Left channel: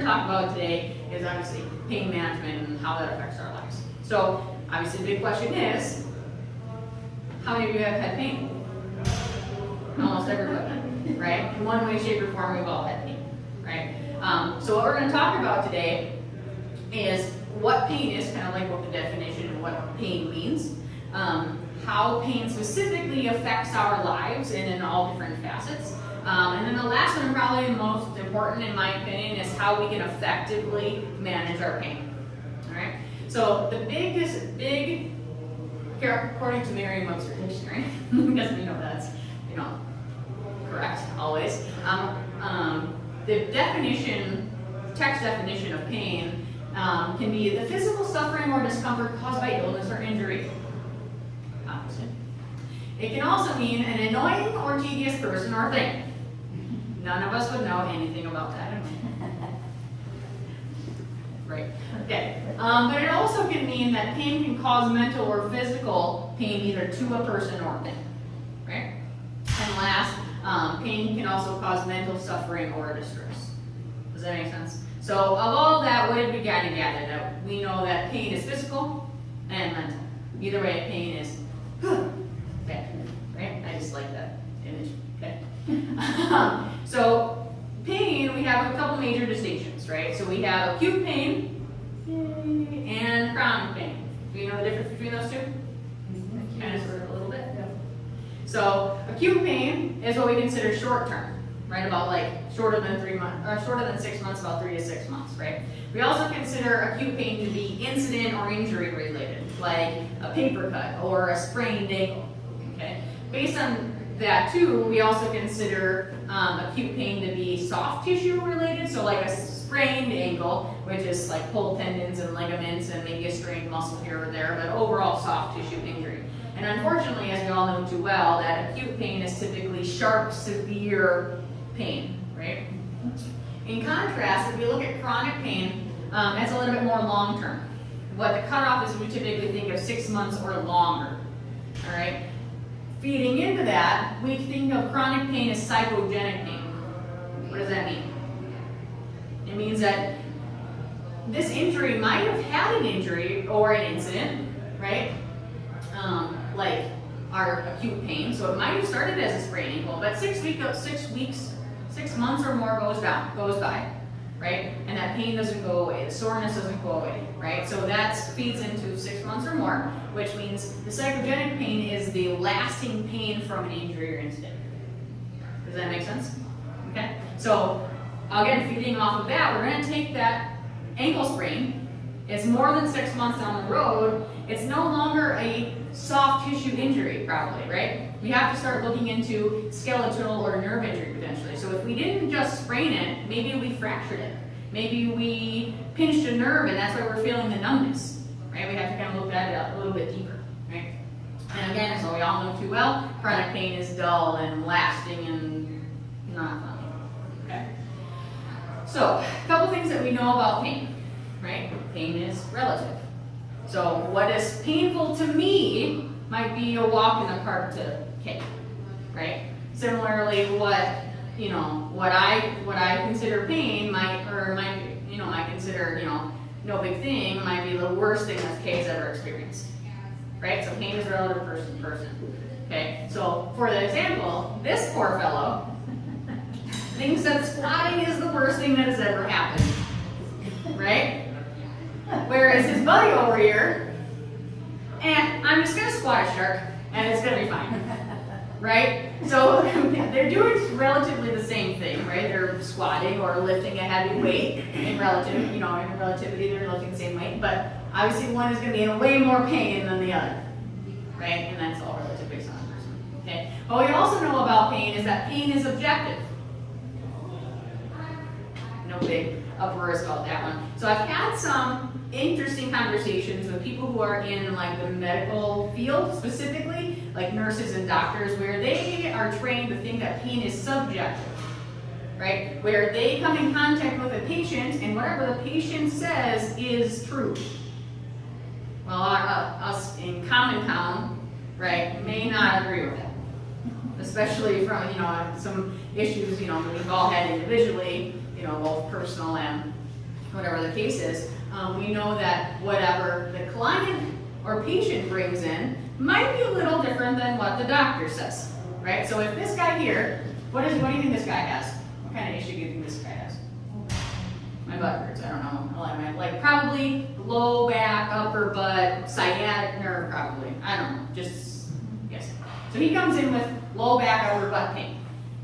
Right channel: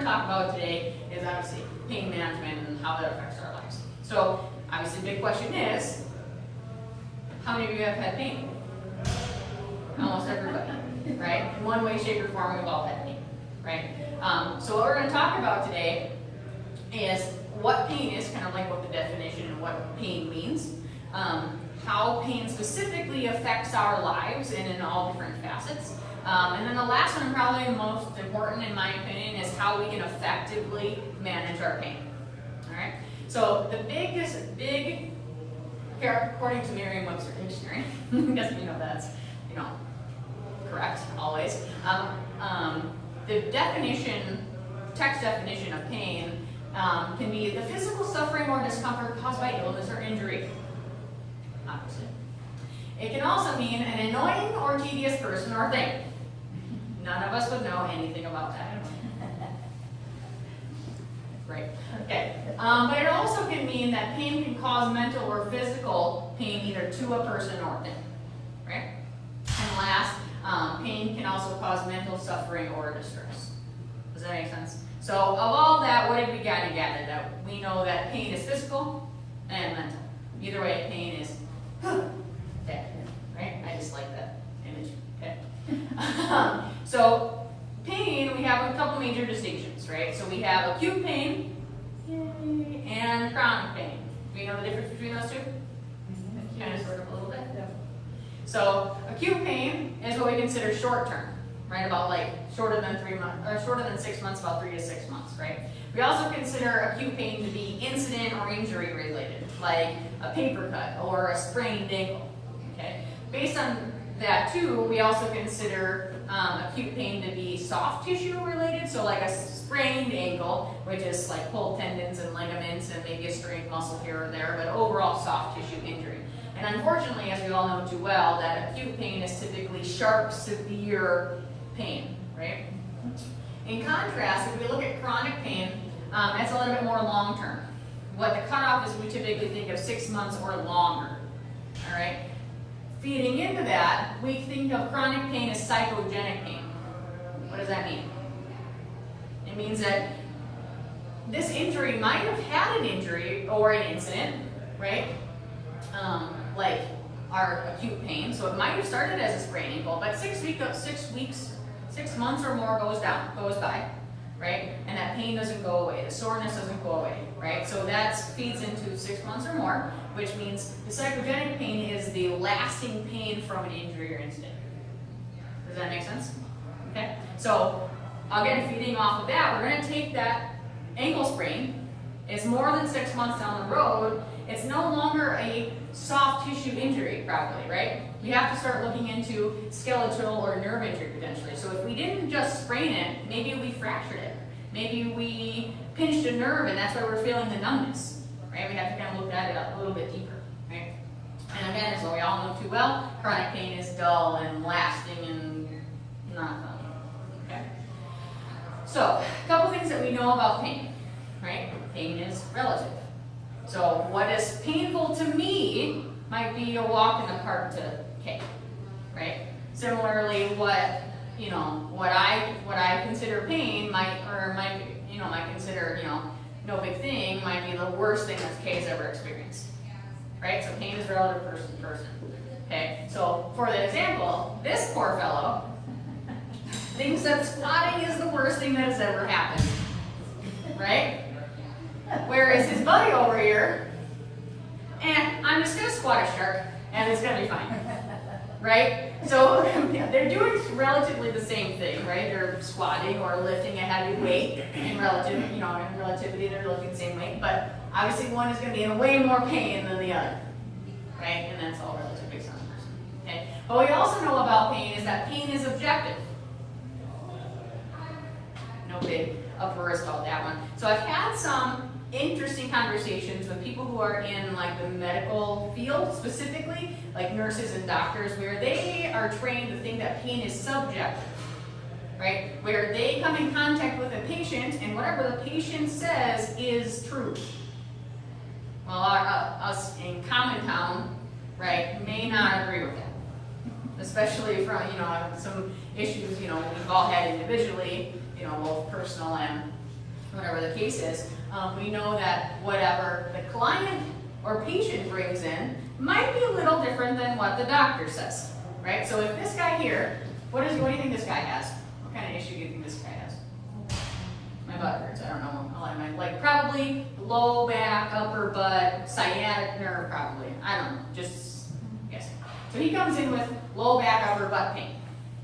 going to talk about today is obviously pain management and how that affects our lives. So obviously the big question is, how many of you have had pain? Almost everybody, right? In one way, shape, or form, we've all had pain, right? So what we're going to talk about today is what pain is, kind of like what the definition and what pain means, how pain specifically affects our lives and in all different facets. And then the last one, probably the most important in my opinion, is how we can effectively manage our pain. All right. So the big, according to Merriam-Webster Dictionary, because we know that's correct always. The text definition of pain can be the physical suffering or discomfort caused by illness or injury. Opposite. It can also mean an annoying or tedious person or thing. None of us would know anything about that. Right. Okay. But it also can mean that pain can cause mental or physical pain either to a person or thing. Right? And last, pain can also cause mental suffering or distress. Does that make sense? So of all that, what did we got to gather? That we know that pain is physical and mental. Either way, pain is bad, right? I just like that image. Okay. So pain, we have a couple major distinctions, right? So we have acute pain and chronic pain. Do you know the difference between those two? Kind of, sort of, a little bit. Yeah. So acute pain is what we consider short term, right? About like shorter than 3 months, or shorter than 6 months, about 3 to 6 months, right? We also consider acute pain to be incident or injury related, like a paper cut or a sprained ankle. Okay. Based on that too, we also consider acute pain to be soft tissue related, so like a sprained ankle, which is like pulled tendons and ligaments and maybe a strained muscle here or there, but overall soft tissue injury. And unfortunately, as we all know too well, that acute pain is typically sharp, severe pain, right? In contrast, if we look at chronic pain, that's a little bit more long-term. What the cutoff is, we typically think of 6 months or longer, all right? Feeding into that, we think of chronic pain as psychogenic pain. What does that mean? It means that this injury might have had an injury or an incident, right? Like our acute pain. So it might have started as a sprained ankle, but 6 months or more goes by, right? And that pain doesn't go away. The soreness doesn't go away, right? So that feeds into 6 months or more, which means the psychogenic pain is the lasting pain from an injury or incident. Does that make sense? Okay. So again, feeding off of that, we're going to take that ankle sprain. It's more than 6 months down the road. It's no longer a soft tissue injury, probably, right? We have to start looking into skeletal or nerve injury potentially. So if we didn't just sprain it, maybe we fractured it. Maybe we pinched a nerve and that's why we're feeling the numbness, right? We have to kind of look at it a little bit deeper, right? And again, as we all know too well, chronic pain is dull and lasting and not fun, okay? So, a couple things that we know about pain, right? Pain is relative. So what is painful to me might be a walk in the park to Kate, right? Similarly, what I consider pain might consider, no big thing, might be the worst thing that Kay's ever experienced, right? So pain is relative person to person, okay? So for the example, this poor fellow thinks that squatting is the worst thing that has ever happened, right? Whereas his buddy over here, I'm just gonna squat a shark and it's gonna be fine, right? So they're doing relatively the same thing, right? They're squatting or lifting a heavy weight in relativity they're lifting the same weight, but obviously one is gonna be in way more pain than the other, right? And that's all relative based on the person, okay? What we also know about pain is that pain is objective. No big uproars about that one. So I've had some interesting conversations with people who are in like the medical field specifically, like nurses and doctors, where they are trained to think that pain is subjective, right? Where they come in contact with a patient and whatever the patient says is true. Well, us in Common Town, right, may not agree with that. Especially from, some issues, we've all had individually, both personal and whatever the case is, we know that whatever the client or patient brings in might be a little different than what the doctor says, right? So if this guy here, what do you think this guy has? What kind of issue do you think this guy has? My butt hurts, I don't know. Like probably low back, upper butt, sciatic nerve probably. I don't know, just guess. So he comes in with low back, upper butt pain,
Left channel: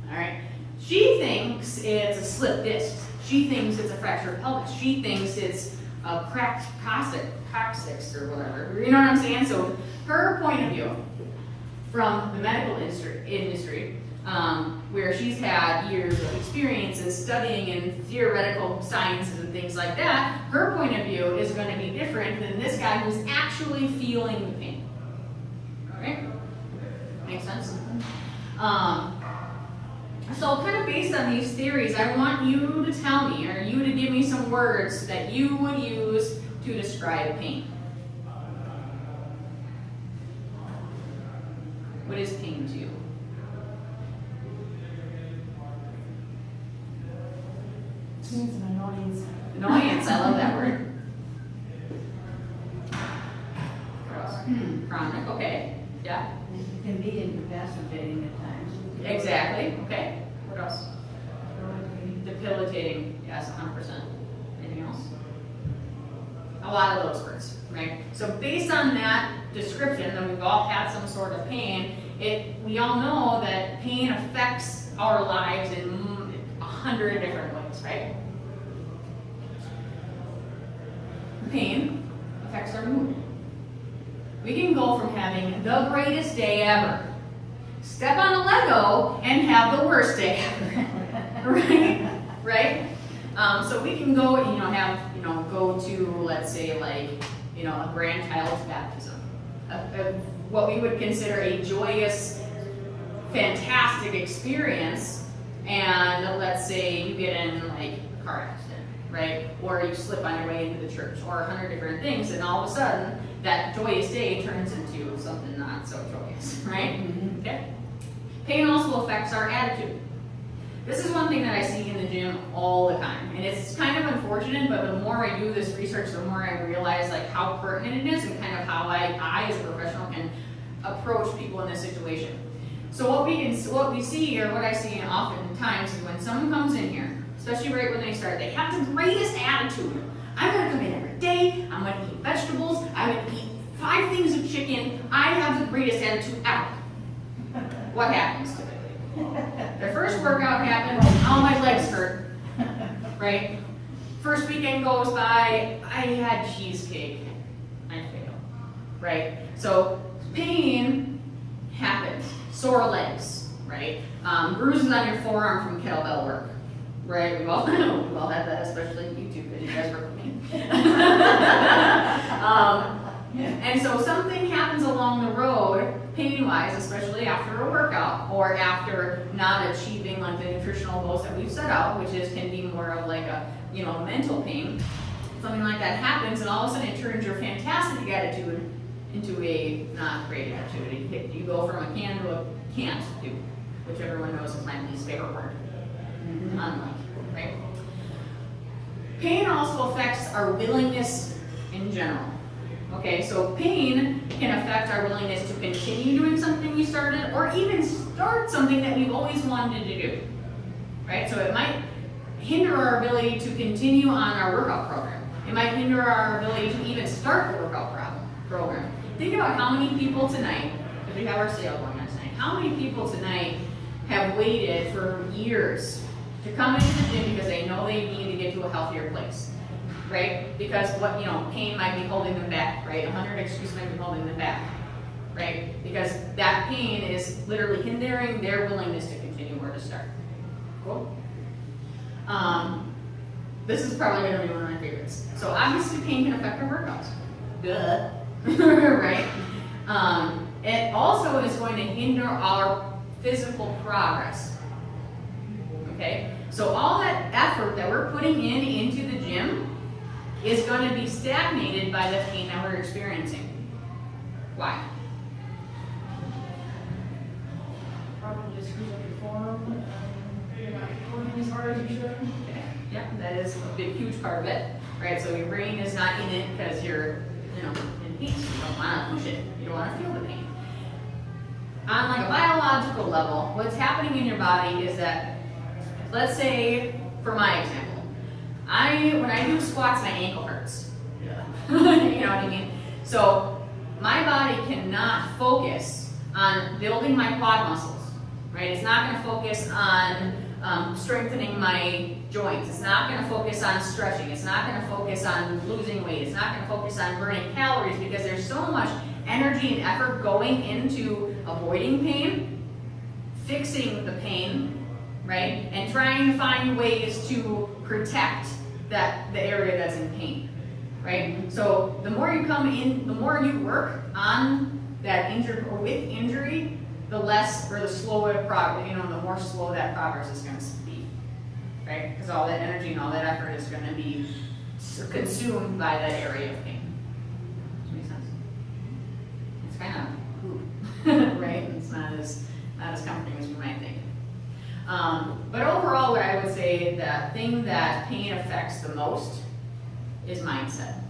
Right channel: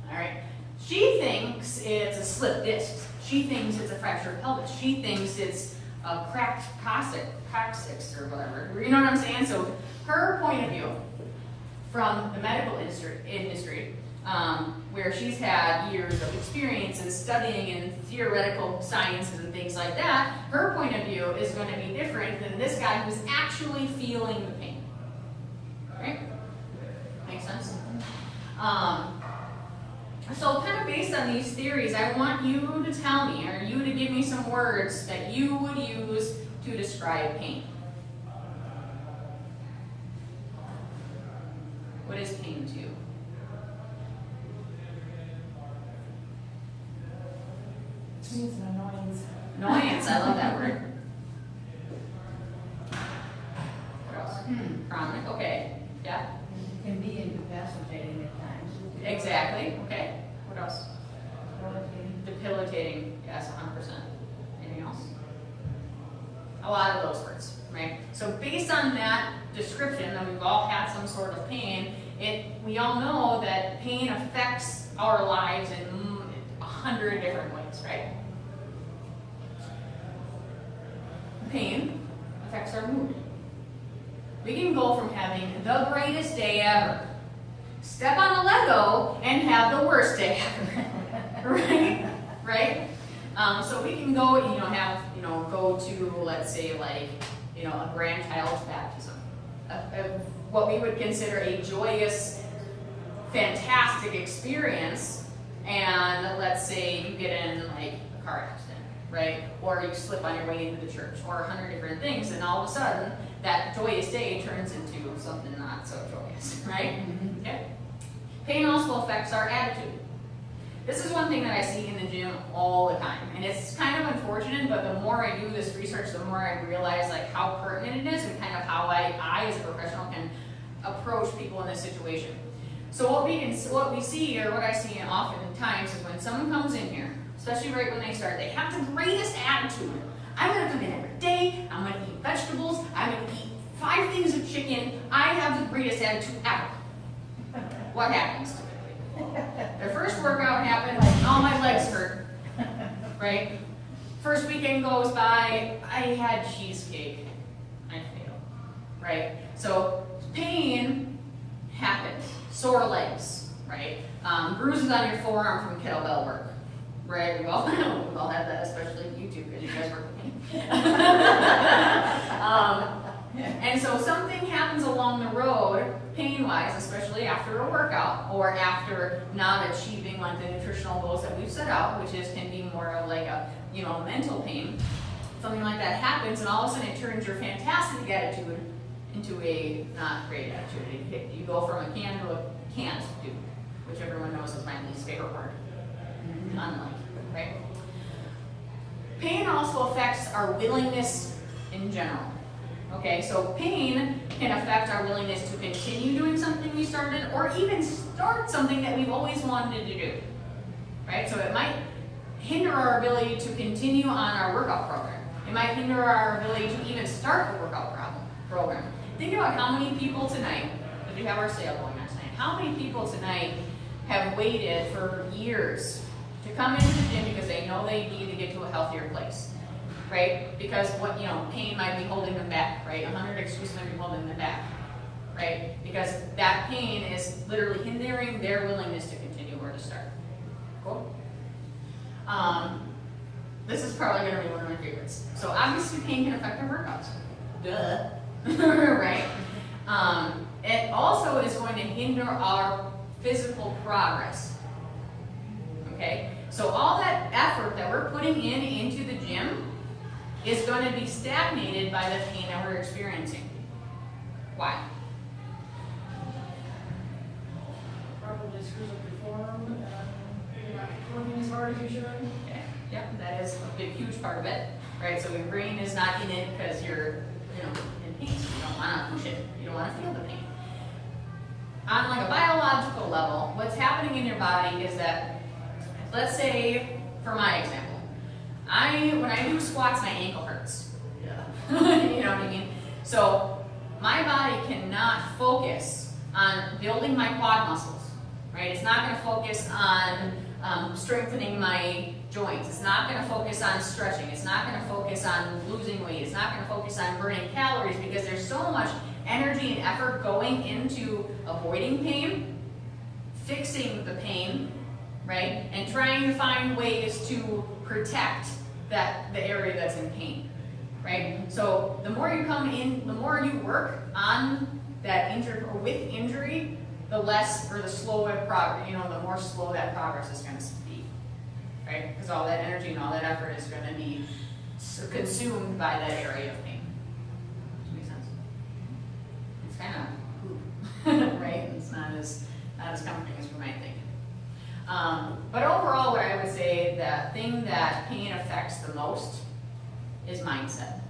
all right? She thinks it's a slipped disc. She thinks it's a fractured pelvis. She thinks it's a cracked coccyx or whatever. You know what I'm saying? So her point of view from the medical industry, where she's had years of experience in studying and theoretical sciences and things like that, her point of view is going to be different than this guy who's actually feeling the pain. Right? Make sense? So kind of based on these theories, I want you to tell me, or you to give me some words that you would use to describe pain. What is pain to you? It's an annoyance. Annoyance, I love that word. What else? Chronic, okay. Yeah. It can be incapacitating at times. Exactly, okay. What else? Debilitating. Debilitating, yes, 100%. Anything else? A lot of those words, right? So based on that description, that we've all had some sort of pain, we all know that pain affects our lives in 100 different ways, right? Pain affects our mood. We can go from having the greatest day ever, step on a Lego, and have the worst day ever, right? Right? So we can go, go to, let's say, like, a grandchild's baptism, what we would consider a joyous, fantastic experience, and let's say you get in like a car accident, right? Or you slip on your way into the church, or 100 different things, and all of a sudden that joyous day turns into something not so joyous, right? Mm-hmm. Okay. Pain also affects our attitude. This is one thing that I see in the gym all the time, and it's kind of unfortunate, but the more I do this research, the more I realize like how pertinent it is and kind of how I as a professional can approach people in this situation. So what we see, or what I see oftentimes, is when someone comes in here, especially right when they start, they have the greatest attitude. I'm going to come in every day, I'm going to eat vegetables, I'm going to eat 5 things of chicken, I have the greatest attitude ever. What happens typically? The first workout happened, oh, my legs hurt, right? First weekend goes by, I had cheesecake, I failed, right? So pain happens. Sore legs, right? Bruises on your forearm from kettlebell work, right? We've all had that, especially you two, because you guys work with me. And so something happens along the road, pain-wise, especially after a workout, or after not achieving like the nutritional goals that we've set out, which can be more of like a mental pain. Something like that happens, and all of a sudden it turns your fantastic attitude into a not great attitude. You go from a can to a can't do, which everyone knows is my least favorite word. Unlike, right? Pain also affects our willingness in general. Okay, so pain can affect our willingness to continue doing something we started, or even start something that we've always wanted to do. Right? So it might hinder our ability to continue on our workout program. It might hinder our ability to even start the workout program. Think about how many people tonight, because we have our sale going on tonight, how many people tonight have waited for years to come into the gym because they know they need to get to a healthier place, right? Because pain might be holding them back, right? 100 excuses might be holding them back, right? Because that pain is literally hindering their willingness to continue or to start. Cool? This is probably going to be one of my favorites. So obviously pain can affect our workouts. Duh. Right? It also is going to hinder our physical progress. Okay? So all that effort that we're putting into the gym is going to be stagnated by the pain that we're experiencing. Why? Probably screws up your form. You're not working as hard as you should. Okay. Yep, that is a big, huge part of it. right? So your brain is not in it because you're, in peace. You don't want to push it. You don't want to feel the pain. On like a biological level, what's happening in your body is that, let's say, for my example, when I do squats, my ankle hurts. Yeah. You know what I mean? So my body cannot focus on building my quad muscles, right? It's not going to focus on strengthening my joints. It's not going to focus on stretching. It's not going to focus on losing weight. It's not going to focus on burning calories because there's so much energy and effort going into avoiding pain, fixing the pain, right? And trying to find ways to protect the area that's in pain, right? So the more you come in, the more you work on that injured or with injury, the less or the slower progress, the more slow that progress is going to be, right? Because all that energy and all that effort is going to be consumed by that area of pain. Does that make sense? It's kind of poop, right? It's not as comforting as you might think. But overall, what I would say, the thing that pain affects the most is mindset,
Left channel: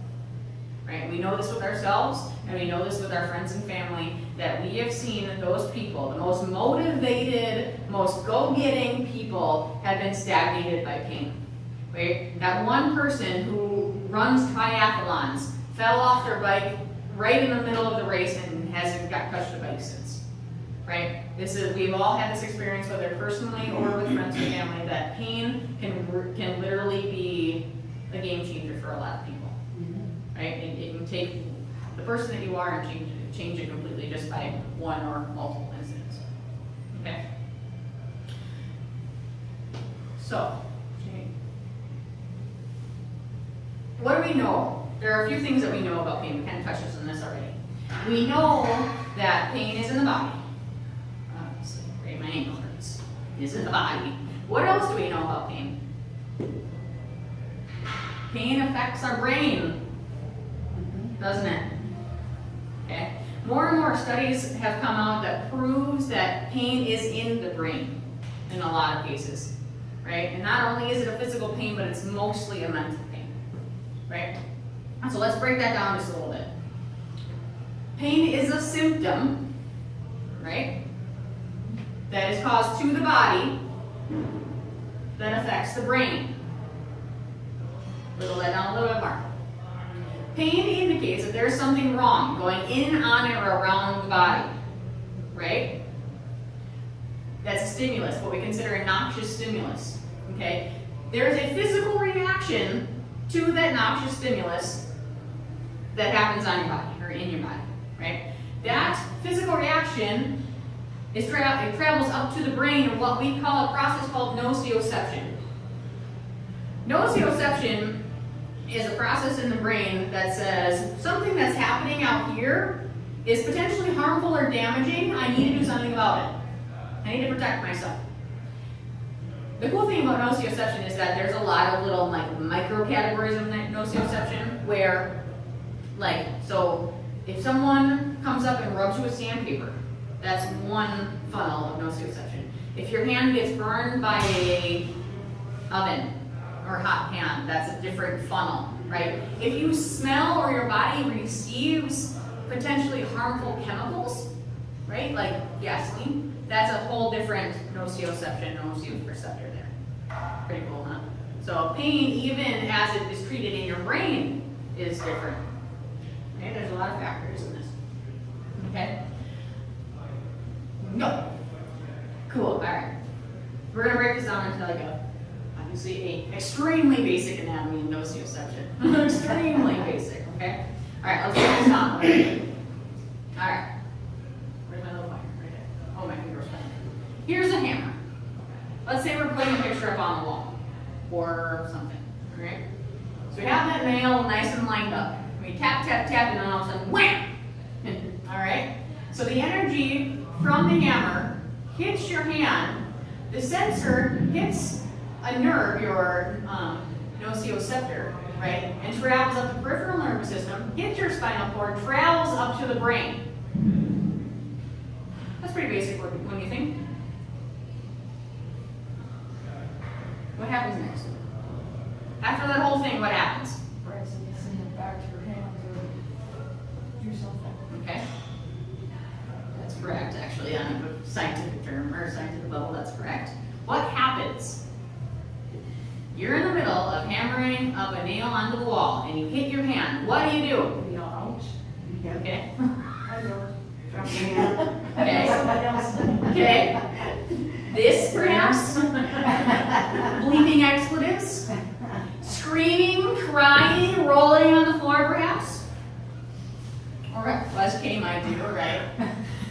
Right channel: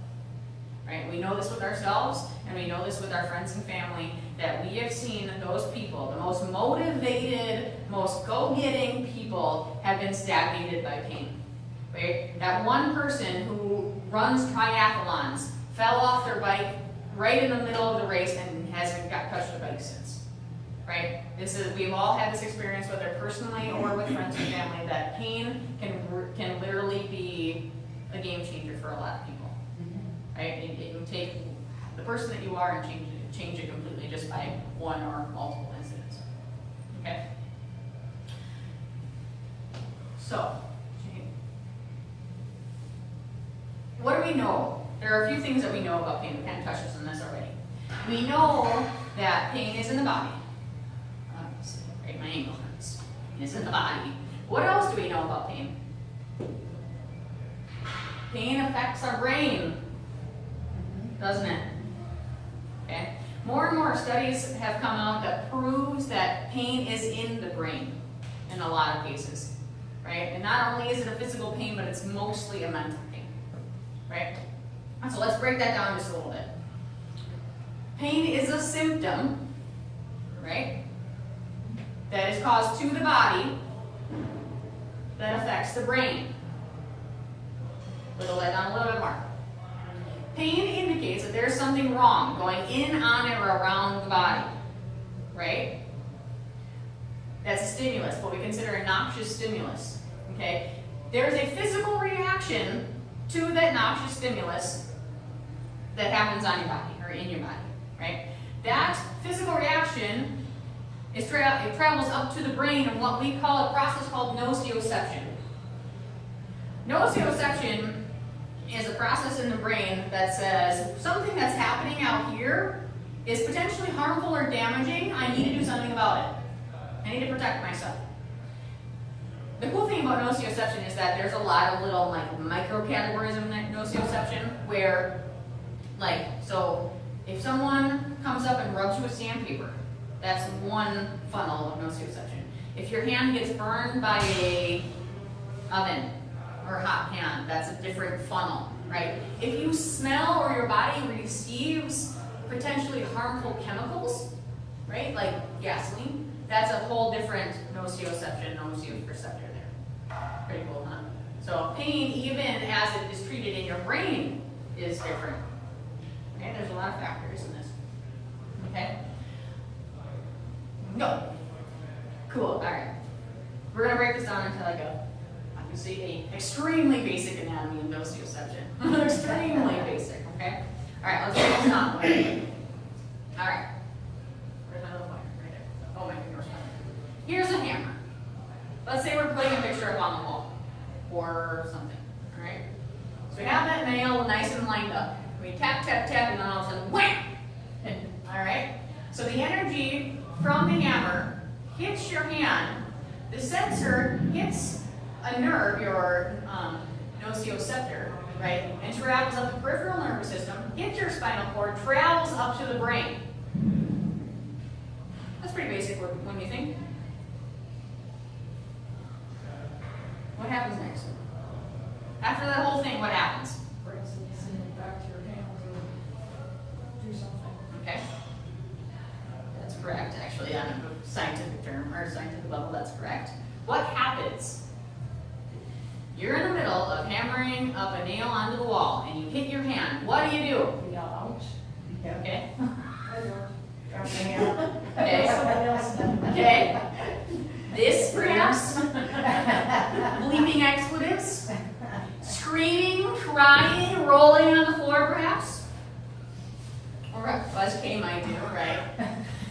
right? We know this with ourselves, and we know this with our friends and family, that we have seen those people, the most motivated, most go-getting people, have been stagnated by pain, right? That one person who runs triathlons fell off their bike right in the middle of the race and hasn't got touched the bike since, right? We've all had this experience, whether personally or with friends and family, that pain can literally be a game changer for a lot of people, right? It can take the person that you are and change it completely just by one or multiple incidents. Okay? So, what do we know? There are a few things that we know about pain. We kind of touched on this already. We know that pain is in the body. Obviously, right? My ankle hurts. It's in the body. What else do we know about pain? Pain affects our brain, doesn't it? Okay. More and more studies have come out that proves that pain is in the brain in a lot of cases, right? And not only is it a physical pain, but it's mostly a mental pain, right? So let's break that down just a little bit. Pain is a symptom, right, that is caused to the body that affects the brain. Whittle that down a little bit more. Pain indicates that there's something wrong going in, on, and around the body, right? That's a stimulus, what we consider a noxious stimulus, okay? There's a physical reaction to that noxious stimulus that happens on your body, or in your body, right? That physical reaction it travels up to the brain in what we call a process called nociception. Nociception is a process in the brain that says something that's happening out here is potentially harmful or damaging. I need to do something about it. I need to protect myself. The cool thing about nociception is that there's a lot of little micro categories of nociception where, so if someone comes up and rubs you with sandpaper, that's one funnel of nociception. If your hand gets burned by a oven or hot pan, that's a different funnel, right? If you smell or your body receives potentially harmful chemicals, right, like gasoline, that's a whole different nociceptor there. Pretty cool, huh? So pain, even as it is treated in your brain, is different. Okay, there's a lot of factors in this. Okay? Go. Cool, all right. We're gonna break this down into obviously a extremely basic anatomy and nociception. Extremely basic, okay? All right, let's break this down. All right. Where's my little pointer? Right there. Oh, my finger was pointing. Here's a hammer. Let's say we're putting a picture up on the wall or something, all right? So we have that nail nice and lined up. We tap, tap, tap, and then all of a sudden, wham! All right? So the energy from the hammer hits your hand. The sensor hits a nerve, your nociceptor, right? And travels up the peripheral nervous system, hits your spinal cord, travels up to the brain. That's pretty basic when you think. What happens next? After that whole thing, what happens? scientific term, or scientific level, that's correct. What happens? You're in the middle of hammering up a nail onto the wall, and you hit your hand. What do? You know, ouch. Okay? I do. Drop my hand. Okay. Somebody else. Okay? This, perhaps? Bleeping expletives? Screaming, crying, rolling on the floor, perhaps? Or a buzz came, I do, right?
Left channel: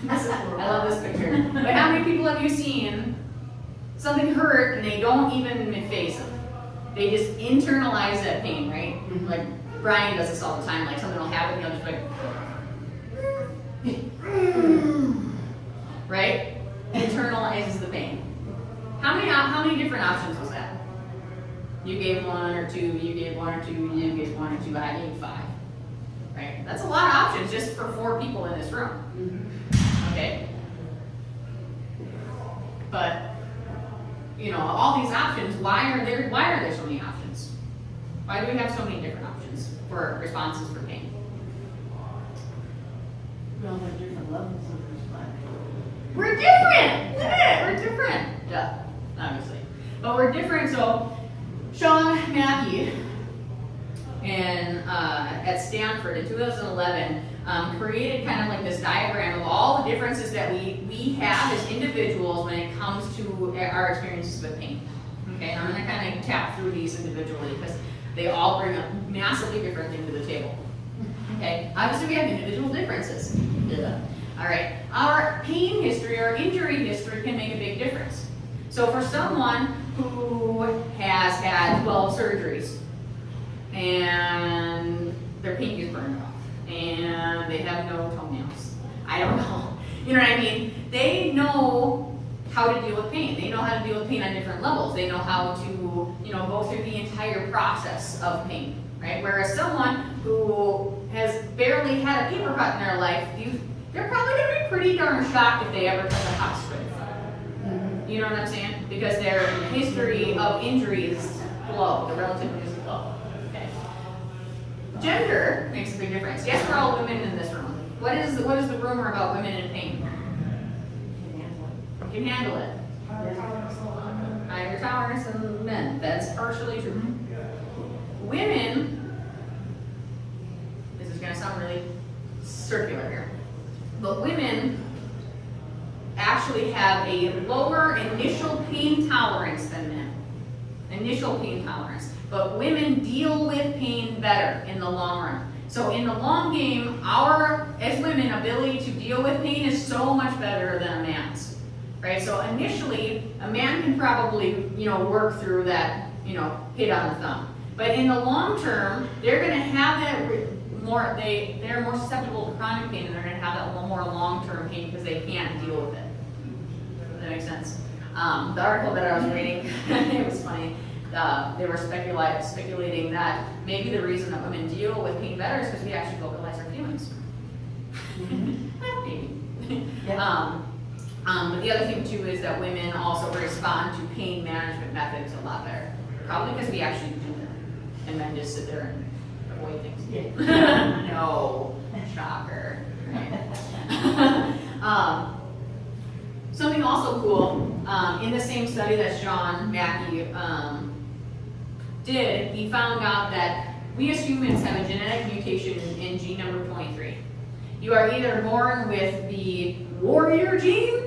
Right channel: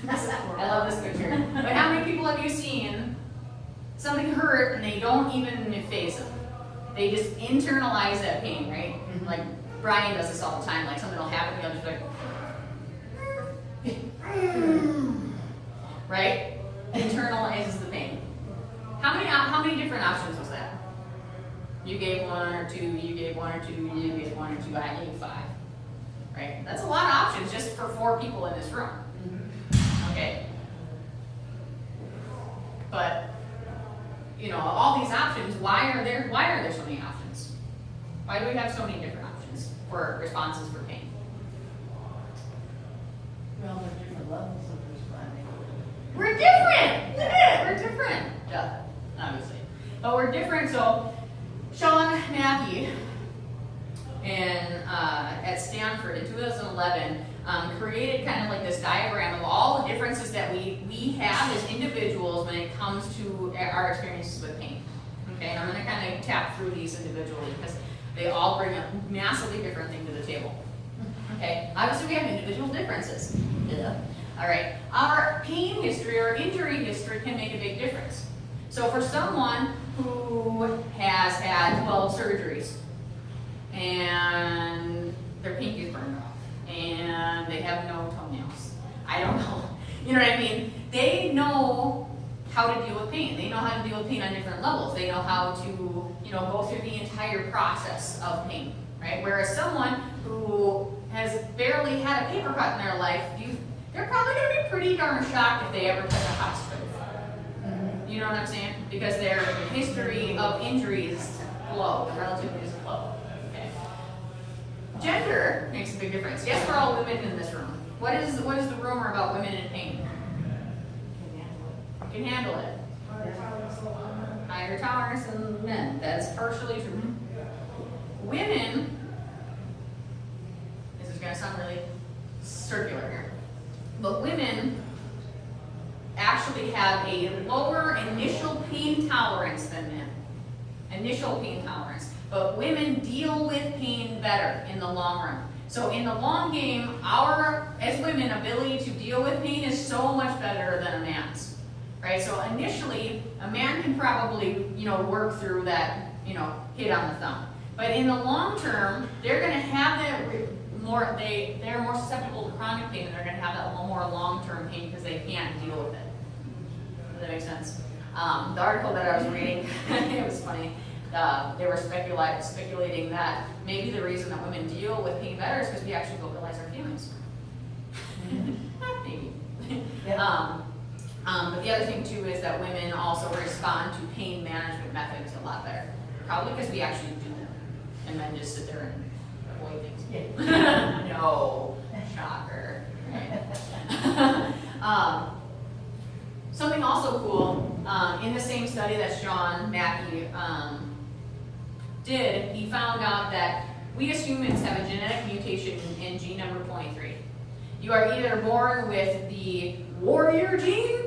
I love this picture. But how many people have you seen something hurt and they don't even face it? They just internalize that pain, right? Mhm. Like Brian does this all the time. Like something will happen, he'll just be like, right? Internalizes the pain. How many different options was that? You gave one or two, you gave one or two, you gave one or two, I gave 5. Right? That's a lot of options just for 4 people in this room. Okay? But you know, all these options, why are there so many options? Why do we have so many different options for responses for pain? Well, there are different levels of responding. We're different! Look at it, we're different. Duh, obviously. But we're different, so Sean Mackey at Stanford in 2011 created kind of like this diagram of all the differences that we have as individuals when it comes to our experiences with pain. Okay, and I'm going to kind of tap through these individually because they all bring a massively different thing to the table. Okay, obviously we have individual differences. Yeah. All right, our pain history or injury history can make a big difference. So for someone who has had 12 surgeries and their pinky is burned off and they have no toenails, I don't know. You know what I mean? They know how to deal with pain. They know how to deal with pain on different levels. They know how to, you know, go through the entire process of pain, right? Whereas someone who has barely had a paper cut in their life, they're probably going to be pretty darn shocked if they ever touch a hospital. You know what I'm saying? Because their history of injury is low. The relative is low. Okay. Gender makes a big difference. Yes, we're all women in this room. What is the rumor about women in pain? You can handle it. Higher tolerance than men. That's partially true. Women, this is going to sound really circular here, but women actually have a lower initial pain tolerance than men. Initial pain tolerance. But women deal with pain better in the long run. So in the long game, our, as women, ability to deal with pain is so much better than a man's. Right? So initially, a man can probably, you know, work through that, you know, hit on the thumb. But in the long term, they're going to have that more, they're more susceptible to chronic pain, and they're going to have that more long-term pain because they can't deal with it. Does that make sense? The article that I was reading, it was funny. They were speculating that maybe the reason that women deal with pain better is because we actually vocalize our feelings. Maybe. Yeah. But the other thing too is that women also respond to pain management methods a lot better. Probably because we actually do them, and men just sit there and avoid things. Yeah. No, shocker. Right? Something also cool, in the same study that Sean Mackey did, he found out that we as humans have a genetic mutation in gene number 23. You are either born with the warrior gene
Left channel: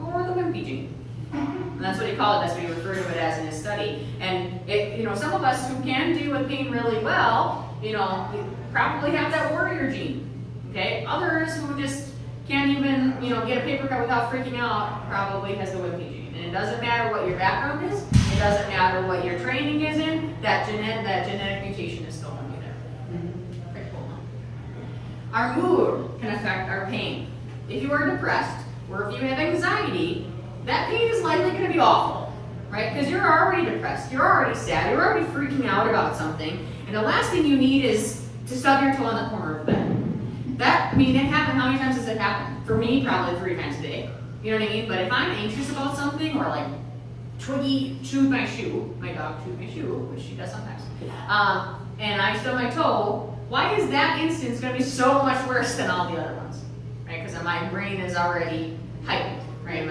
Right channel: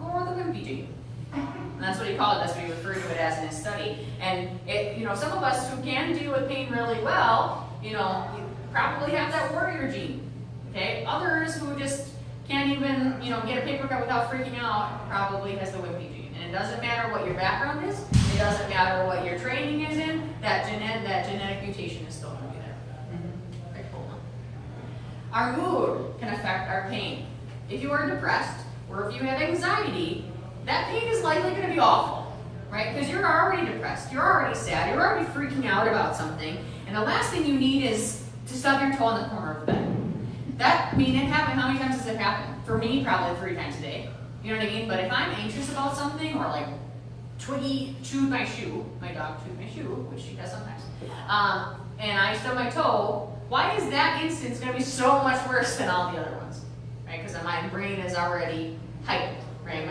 or the wimpy gene. And that's what he called it, that's what he referred to it as in his study. And it, you know, some of us who can deal with pain really well, you know, probably have that warrior gene. Okay? Others who just can't even, you know, get a paper cut without freaking out probably has the wimpy gene. And it doesn't matter what your background is, it doesn't matter what your training is in, that genetic mutation is still going to be there. Okay, hold on. Our mood can affect our pain. If you are depressed, or if you have anxiety, that pain is likely going to be awful, right? Because you're already depressed, you're already sad, you're already freaking out about something, and the last thing you need is to stub your toe on the corner of the bed. That, I mean, it happened, how many times does it happen? For me, probably 3 times a day. You know what I mean? But if I'm anxious about something, or like Twiggy chewed my shoe, my dog chewed my shoe, which she does sometimes, and I stub my toe, why is that instance going to be so much worse than all the other ones? Right? Because my brain is already heightened, right?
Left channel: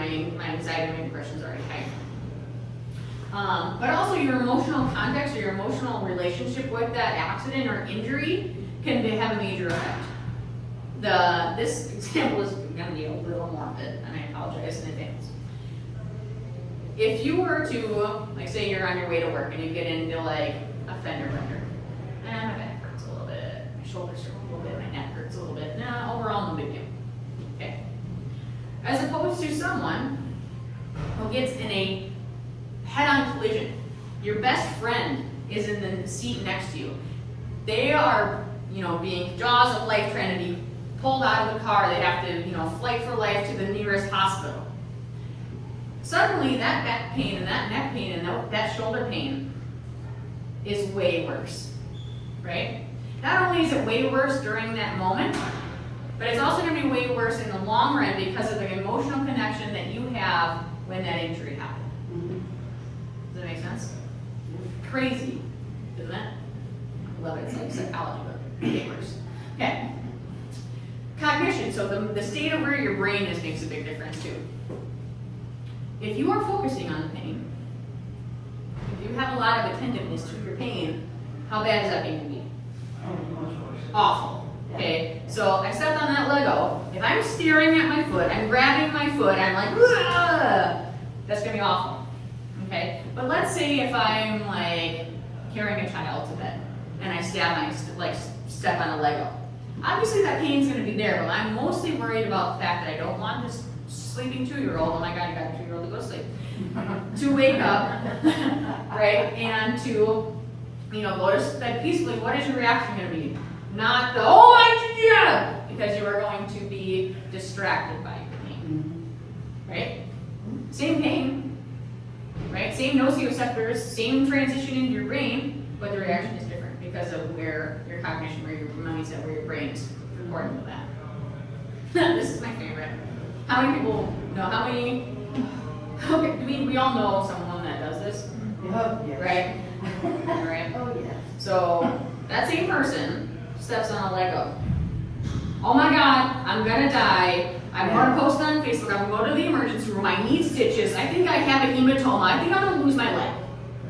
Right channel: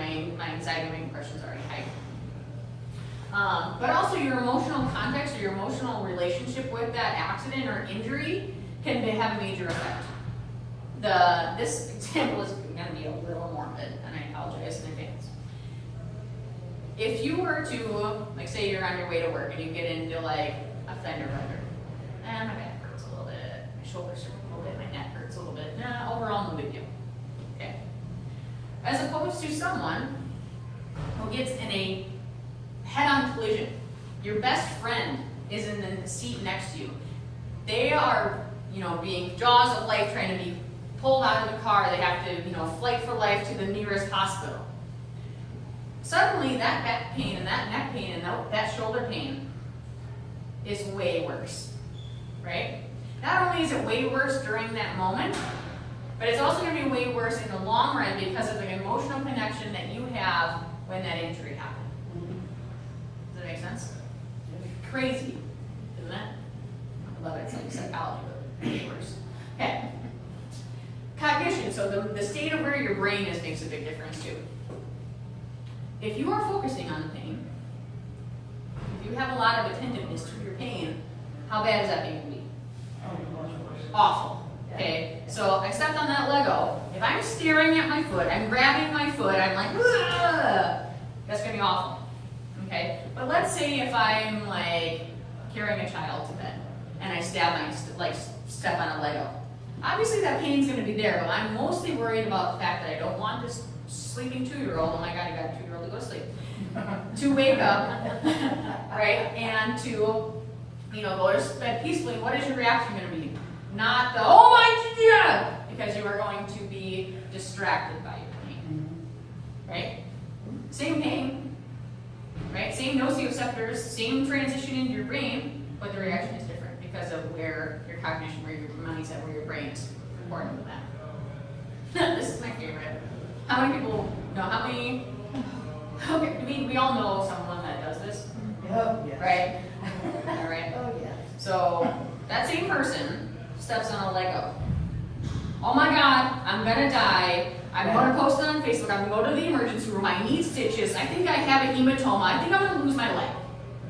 decide to make questions already high. But also your emotional context or your emotional relationship with that accident or injury can have a major effect. This example is going to be a little morbid, and I apologize in advance. If you were to, like, say you're on your way to work and you get into like a fender bender, my back hurts a little bit, my shoulders hurt a little bit, my neck hurts a little bit. Nah, overall, no big deal. Okay. As opposed to someone who gets in a head-on collision. Your best friend is in the seat next to you. They are, being jaws of life trying to be pulled out of the car. They have to, flight for life to the nearest hospital. Suddenly, that back pain and that neck pain and that shoulder pain is way worse, right? Not only is it way worse during that moment, but it's also going to be way worse in the long run because of the emotional connection that you have when that injury happened. Does that make sense? Crazy, isn't it? I love it. It's like psychology, but way worse. Okay. Cognition. So the state of where your brain is makes a big difference too. If you are focusing on the pain, if you have a lot of attentiveness to your pain, how bad is that pain going to be? Awful. Okay, so I stepped on that Lego. If I'm staring at my foot, I'm grabbing my foot, I'm like, ugh, that's going to be awful. Okay, but let's say if I'm like carrying a child to bed and I step on a Lego. Obviously that pain's going to be there, but I'm mostly worried about the fact that I don't want this sleeping 2-year-old, oh my god, you got a 2-year-old to go to sleep, to wake up, right, and to, go to bed peacefully. What is your reaction going to be? Not the, oh my god, because you are going to be distracted by your pain, right? Same pain, right? Same nociceptors, same transition into your brain, but the reaction is different because of where your cognition, where your mindset, where your brain is according to that. This is my favorite. How many people know, okay, we all know someone that does this, right? Right? Oh, yeah. So, that same person steps on a Lego. Oh my god, I'm gonna die. I'm gonna post on Facebook, I'm gonna go to the emergency room, I need stitches, I think I have a hematoma, I think I'm gonna lose my leg.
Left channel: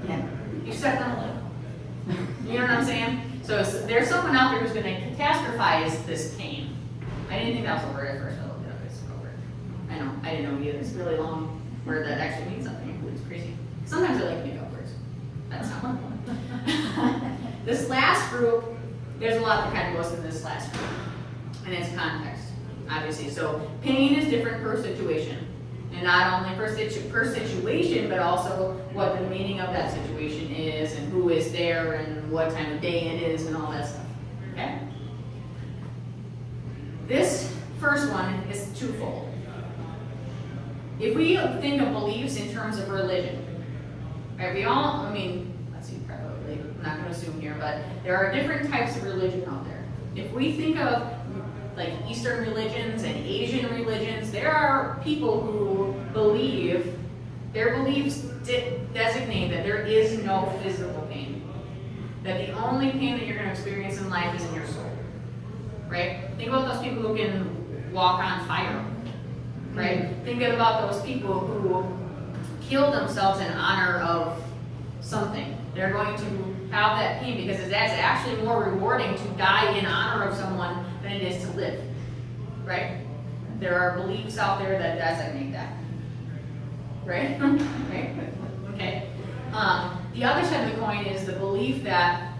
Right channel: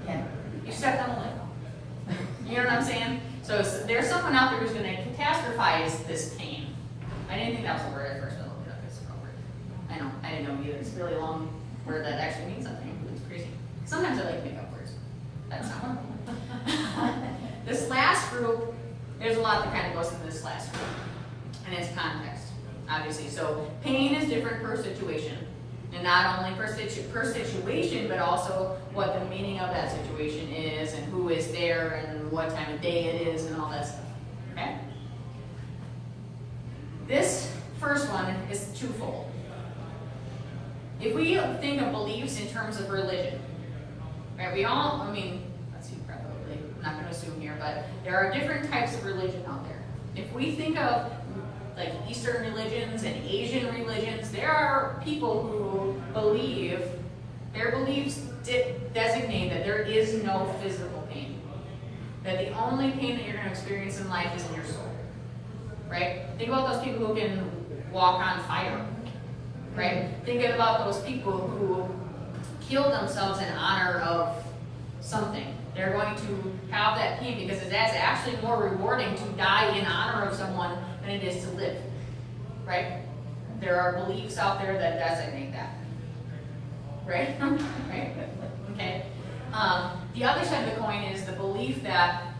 Yeah. You stepped on a Lego. You know what I'm saying? So there's someone out there who's gonna catastrophize this pain. I didn't think that was a word at first, but I looked it up, it's a word. I know, I didn't know either. It's a really long word that actually means something. It's crazy. Sometimes I like to make up words. That's not one. This last group, there's a lot that kind of goes into this last group, and it's context, obviously. So pain is different per situation, and not only per situation, but also what the meaning of that situation is, and who is there, and what time of day it is, and all that stuff. Okay. This first one is twofold. If we think of beliefs in terms of religion, right? Let's see, probably, I'm not going to assume here, but there are different types of religion out there. If we think of like Eastern religions and Asian religions, there are people who believe, their beliefs designate that there is no physical pain. That the only pain that you're going to experience in life is in your soul. Right? Think about those people who can walk on fire. Right? Think about those people who killed themselves in honor of something. They're going to have that pain because that's actually more rewarding to die in honor of someone than it is to live. Right? There are beliefs out there that designate that. Right? Right? Okay. The other side of the coin is the belief that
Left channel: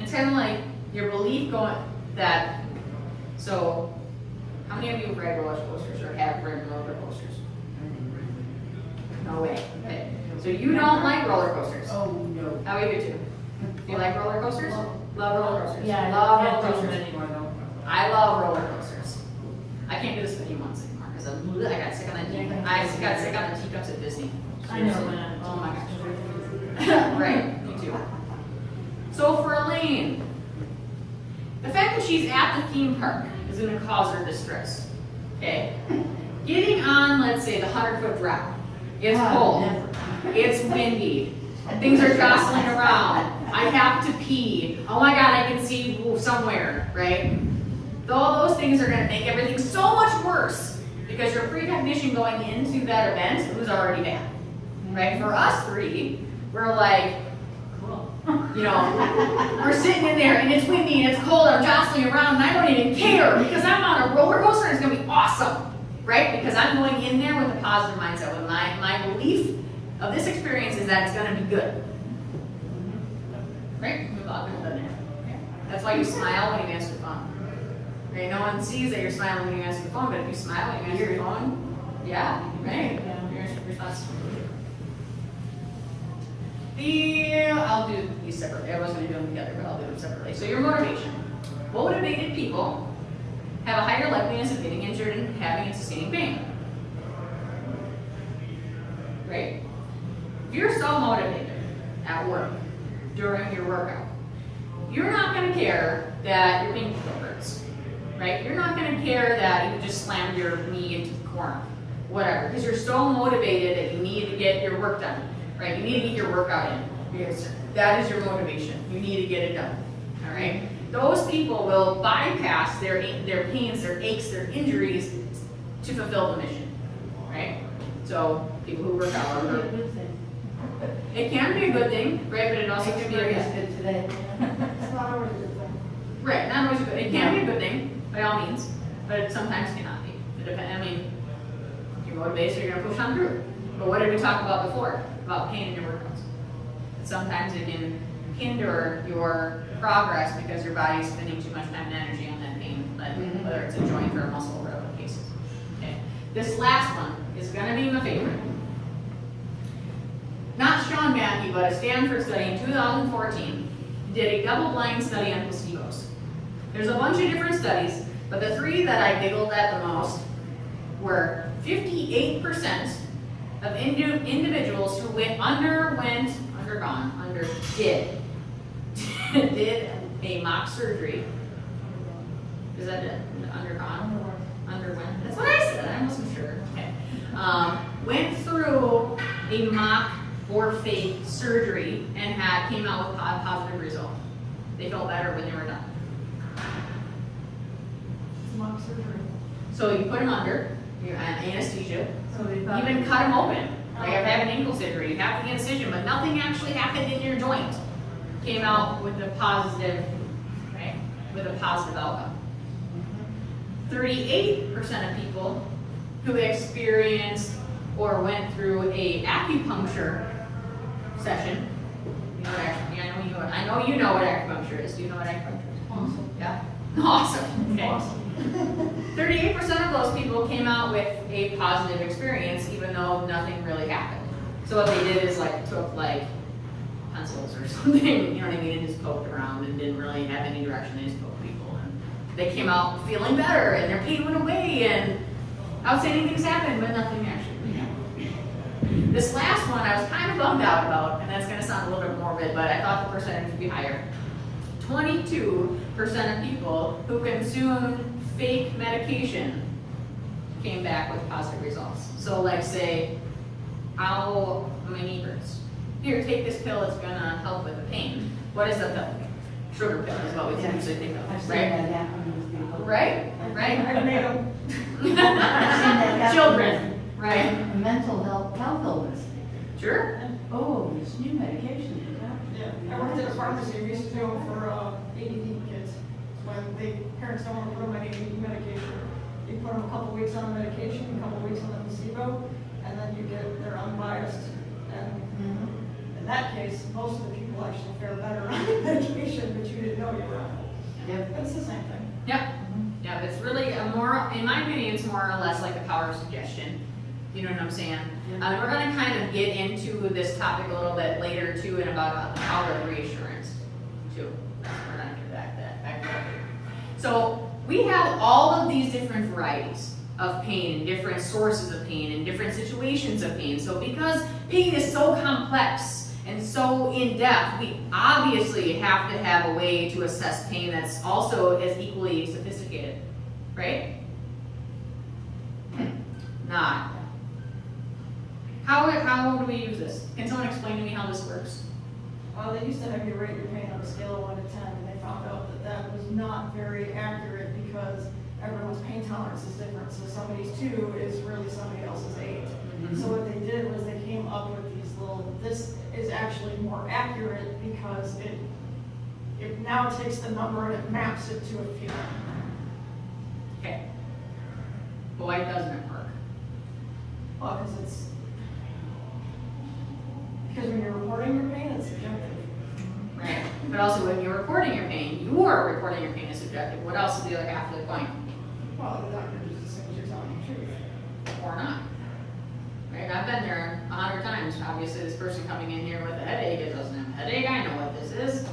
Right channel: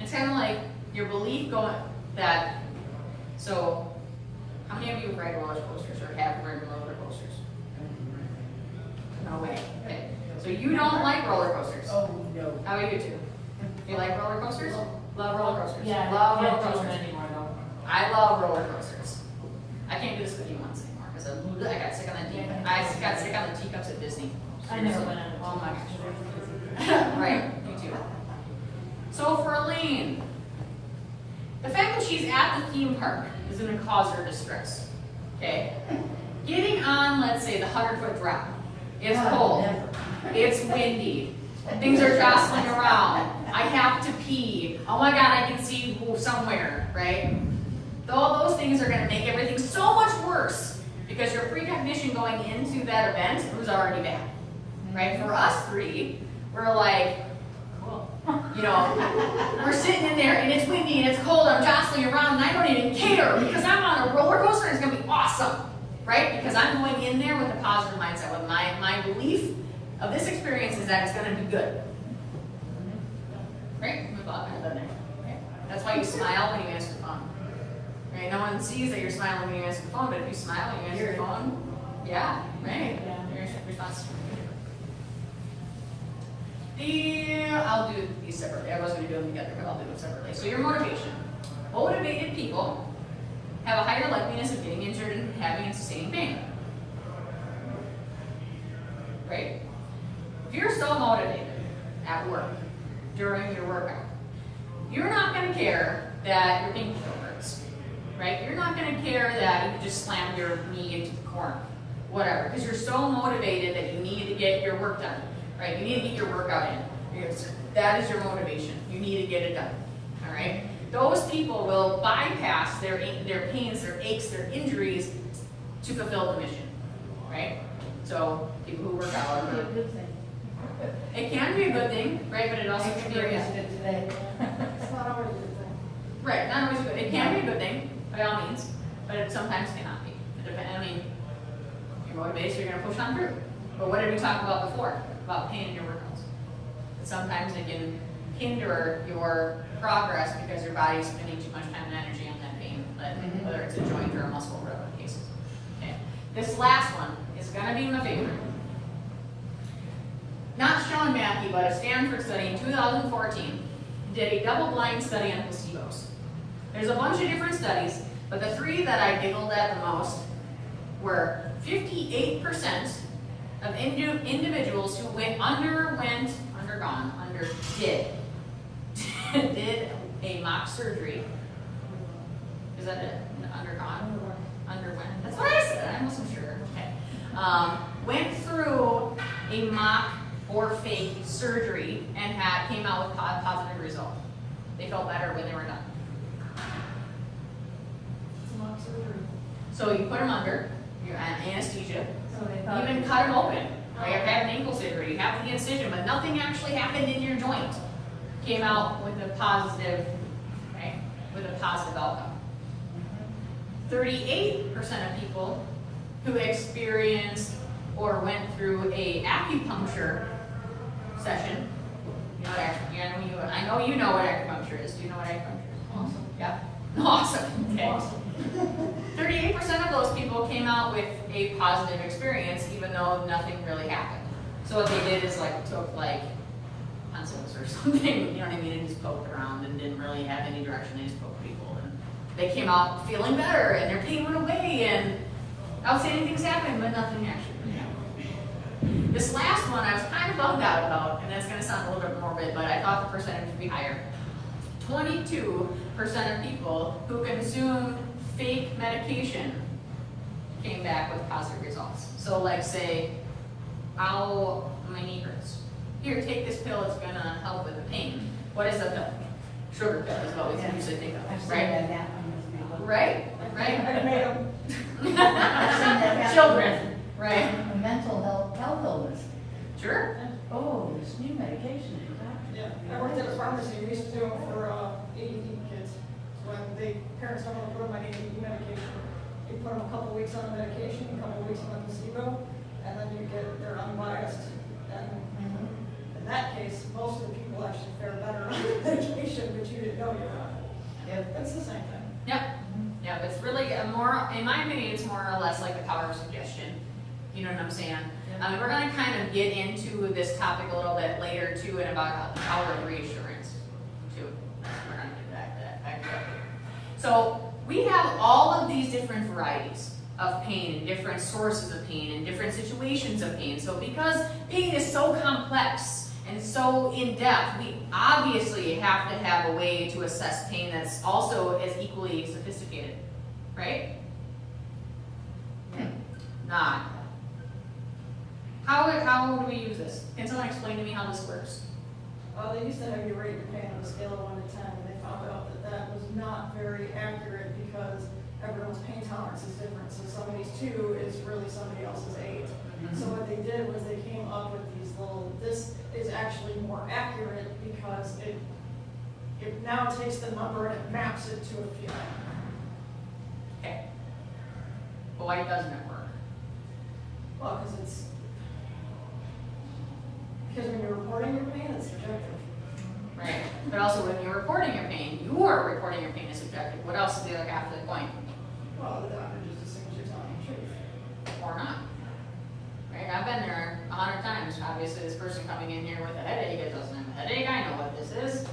it's kind of like your belief going that. So, how many of you have read roller coasters or have read roller coasters? No way. Okay. So you don't like roller coasters. Oh, no. How are you two? You like roller coasters? Love roller coasters. Yeah, love I roller don't do coasters. them anymore, though. I love roller coasters. I can't do the spinning ones anymore because I got sick on the I got sick on the teacups at Disney. I know. Seriously. Oh my gosh. Right, me too. So for Elaine, the fact that she's at the theme park is going to cause her distress. Okay? Getting on, let's say, the 100-foot drop. It's cold. Never. It's windy. Things are jostling around. I have to pee. Oh my god, I can see somewhere, right? All those things are going to make everything so much worse Because your precognition going into that event was already bad, right? For us three, we're like, you know, we're sitting in there and it's windy and it's cold, I'm jostling around and I don't even care because I'm on a roller coaster and it's gonna be awesome, right? Because I'm going in there with a positive mindset, with my belief of this experience is that it's gonna be good. Right? We've all been there. Yeah. That's why you smile when you answer the phone. Right? No one sees that you're smiling when you answer the phone, but if you smile when you answer the phone, yeah, right? Your response. I'll do these separately. I was going to do them together, but I'll do them separately. So your motivation. Motivated people have a higher likeliness of getting injured and having and sustaining pain. Right? If you're so motivated at work during your workout, you're not going to care that your pinky toe hurts. Right? You're not going to care that you just slammed your knee into the corner. Whatever. Because you're so motivated that you need to get your work done. Right? You need to get your workout in. Because that is your motivation. You need to get it done. All right? Those people will bypass their pains, their aches, their injuries to fulfill the mission. Right? So people who work out are it can be a good thing, right? But it also can be a bad thing. Today. It's not always a good thing. Right, not always good. It can be a good thing, by all means, but it sometimes cannot be. It depends. I mean, you're motivated, so you're going to push on through. But what did we talk about before? About pain in your workouts. And sometimes it can hinder your progress because your body's spending too much time and energy on that pain, like whether it's a joint or a muscle, whatever the case is. Okay. This last one is going to be my favorite. Not Sean Mackey, but a Stanford study in 2014 did a double-blind study on placebos. There's a bunch of different studies, but the three that I giggled at the most were 58% of individuals who did a mock surgery. Is that it? Underwent? That's what I said. I wasn't sure. Okay. Went through a mock or fake surgery and came out with a positive result. They felt better when they were done. It's mock surgery. So you put them under, your anesthesia, So they you thought even cut them open. Like I've had an ankle surgery, you have the incision, but nothing actually happened in your joint. Came out with a positive, right? With a positive outcome. 38% of people who experienced or went through a acupuncture session. You know what I know you know what acupuncture is. Do you know what acupuncture is? Awesome. Yeah. Awesome. Okay. Awesome. 38% of those people came out with a positive experience, even though nothing really happened. So what they did is took pencils or something, you know what I mean, and just poked around and didn't really have any direction. They just poked people, and they came out feeling better, and their pain went away, and outstanding things happened, but nothing actually happened. This last one I was kind of bummed out about, and that's going to sound a little bit morbid, but I thought the percentage would be higher. 22% of people who consumed fake medication came back with positive results. So say, my knee hurts. Here, take this pill, it's gonna help with the pain. What is a pill? Sugar pill is what we usually think I've of, seen right? that happen with people. Right? I made them. Children, right? A mental health illness. Sure. Oh, there's new medication for that. Yeah, I worked at a pharmacy, we used to do it for ADD kids. When parents don't want to put them on ADD medication, you put them a couple weeks on the medication, a couple weeks on the placebo, and then you get their unbiased. And in that case, most of the people actually fare better on the medication, but you didn't know you were. Yep. That's the same thing. Yep. Yeah, it's really more, in my opinion, it's more or less like the power of suggestion. You know what I'm saying? We're going to kind of get into this topic a little bit later too, and about the power of reassurance too. We're going to get back to that. So we have all of these different varieties of pain, and different sources of pain, and different situations of pain. So because pain is so complex and so in-depth, we obviously have to have a way to assess pain that's also as equally sophisticated, right? Not. How do we use this? Can someone explain to me how this works? Well, they used to have you rate your pain on a scale of 1 to 10, and they found out that that was not very accurate because everyone's pain tolerance is different, so somebody's 2 is really somebody else's 8. So what they did was they came up with these little, this is actually more accurate because it now takes the number and it maps it to a feeling. Okay. But why doesn't it work? Well, because when you're reporting your pain, it's subjective. Right. But also when you're reporting your pain, you are reporting your pain as subjective. What else is the other half of the coin? Well, the doctor just assumes you're telling the truth. Or not. Right? I've been there 100 times. Obviously, this person coming in here with a headache, it doesn't have a headache. I know what this is.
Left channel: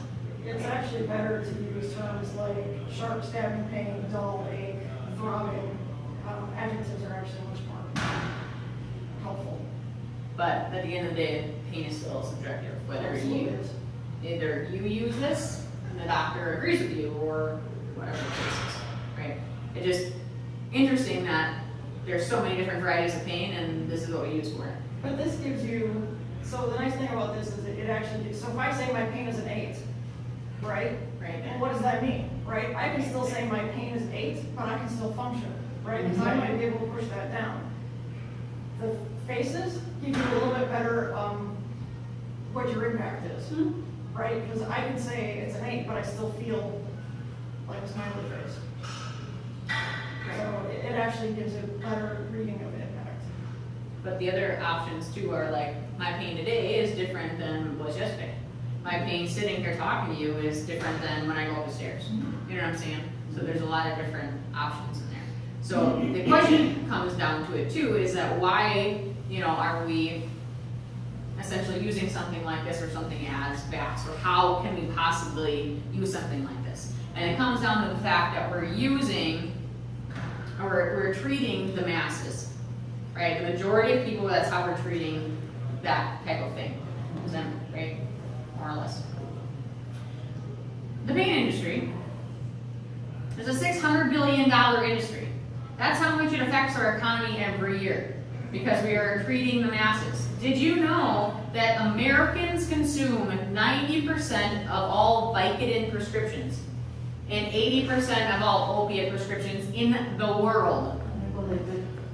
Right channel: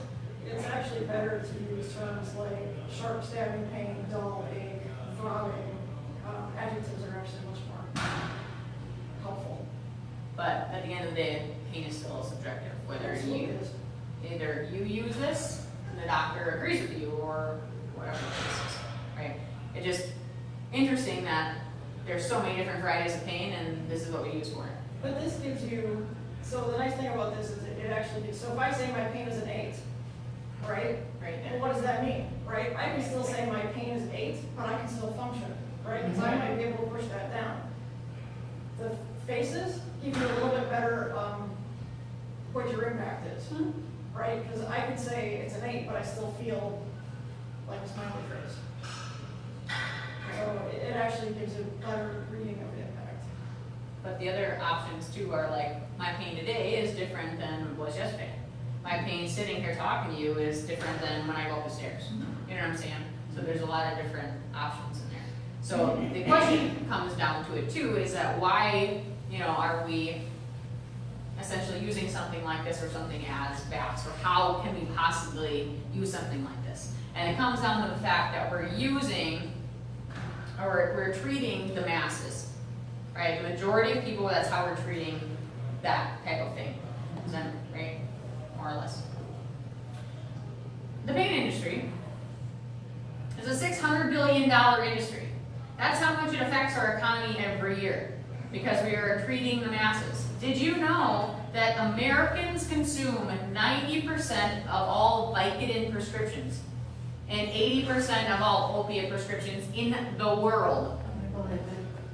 It's actually better to use terms like sharp stabbing pain, dull ache, throbbing. Adjectives are actually much more helpful. But at the end of the day, pain is still subjective. Whether you either you use this and the doctor agrees with you or whatever the case is. Right? It's just interesting that there's so many different varieties of pain and this is what we use for it. But this gives you, so the nice thing about this is it actually, so if I say my pain is an 8, right? Right. And what does that mean, right? I can still say my pain is 8, but I can still function, right? Because I might be able to push that down. The faces give you a little bit better what your impact is, right? Because I can say it's an 8, but I still feel like a smiley face. So it actually gives a better reading of impact. But the other options too are like, my pain today is different than was yesterday. My pain sitting here talking to you is different than when I go up the stairs. You know what I'm saying? So there's a lot of different options in there. So the question comes down to it too, is that why, are we essentially using something like this or something as facts, or how can we possibly use something like this? And it comes down to the fact that we're treating the masses, right? The majority of people, that's how we're treating that type of thing, right? More or less. The pain industry is a $600 billion industry. That's how much it affects our economy every year, because we are treating the masses. Did you know that Americans consume 90% of all Vicodin prescriptions and 80% of all opiate prescriptions in the world?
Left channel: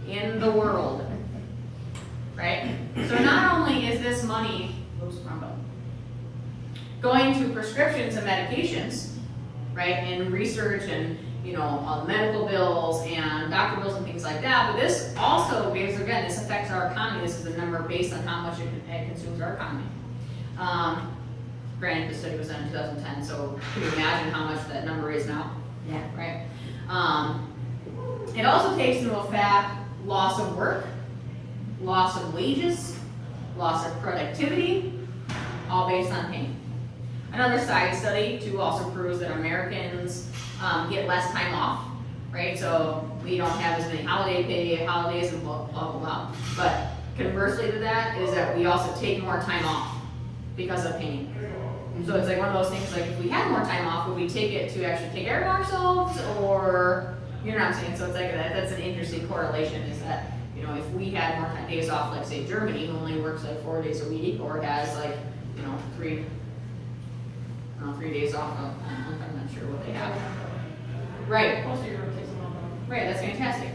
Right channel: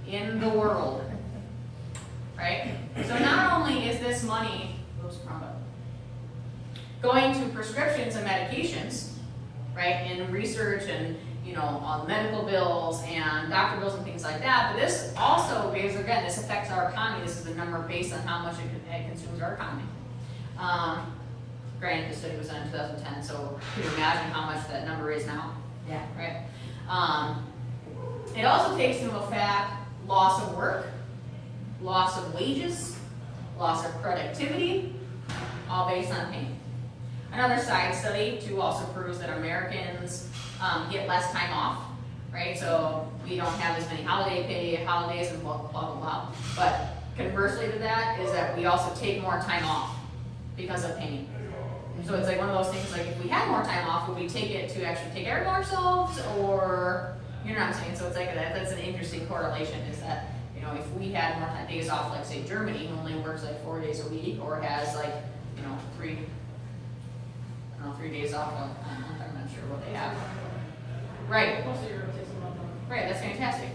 In the world. Right? So not only is this money, going to prescriptions and medications, right, and research and medical bills and doctor bills and things like that, but this also, because again, this affects our economy. This is a number based on how much it consumes our economy. Granted, the study was done in 2010, so can you imagine how much that number is now? Yeah. Right? It also takes into effect loss of work, loss of wages, loss of productivity, all based on pain. Another side study too also proves that Americans get less time off, right? So we don't have as many holidays and blah, blah, blah. But conversely to that is that we also take more time off because of pain. So it's like one of those things, like if we had more time off, would we take it to actually take care of ourselves, or, you know what I'm saying? So it's like that's an interesting correlation, is that, if we had more days off, like say Germany only works like 4 days a week, or has like, 3 days off a month, I'm not sure what they have. Right. Most of your kids will know. Right, that's fantastic.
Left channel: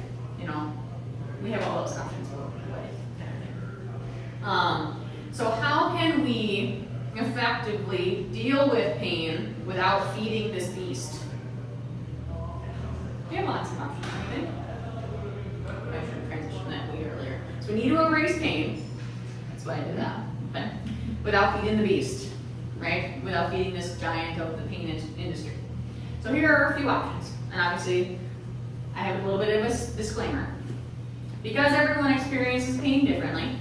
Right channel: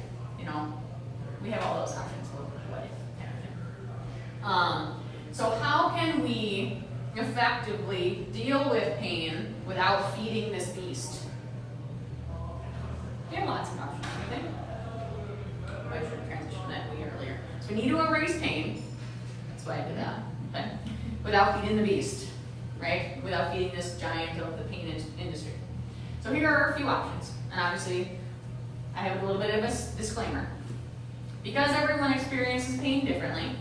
We have all those options. So how can we effectively deal with pain without feeding this beast? We have lots of options, I think. I should have transitioned that way earlier. So we need to embrace pain. That's why I did that. Okay? Without feeding the beast, right? Without feeding this giant of the pain industry. So here are a few options. And obviously, I have a little bit of a disclaimer. Because everyone experiences pain differently,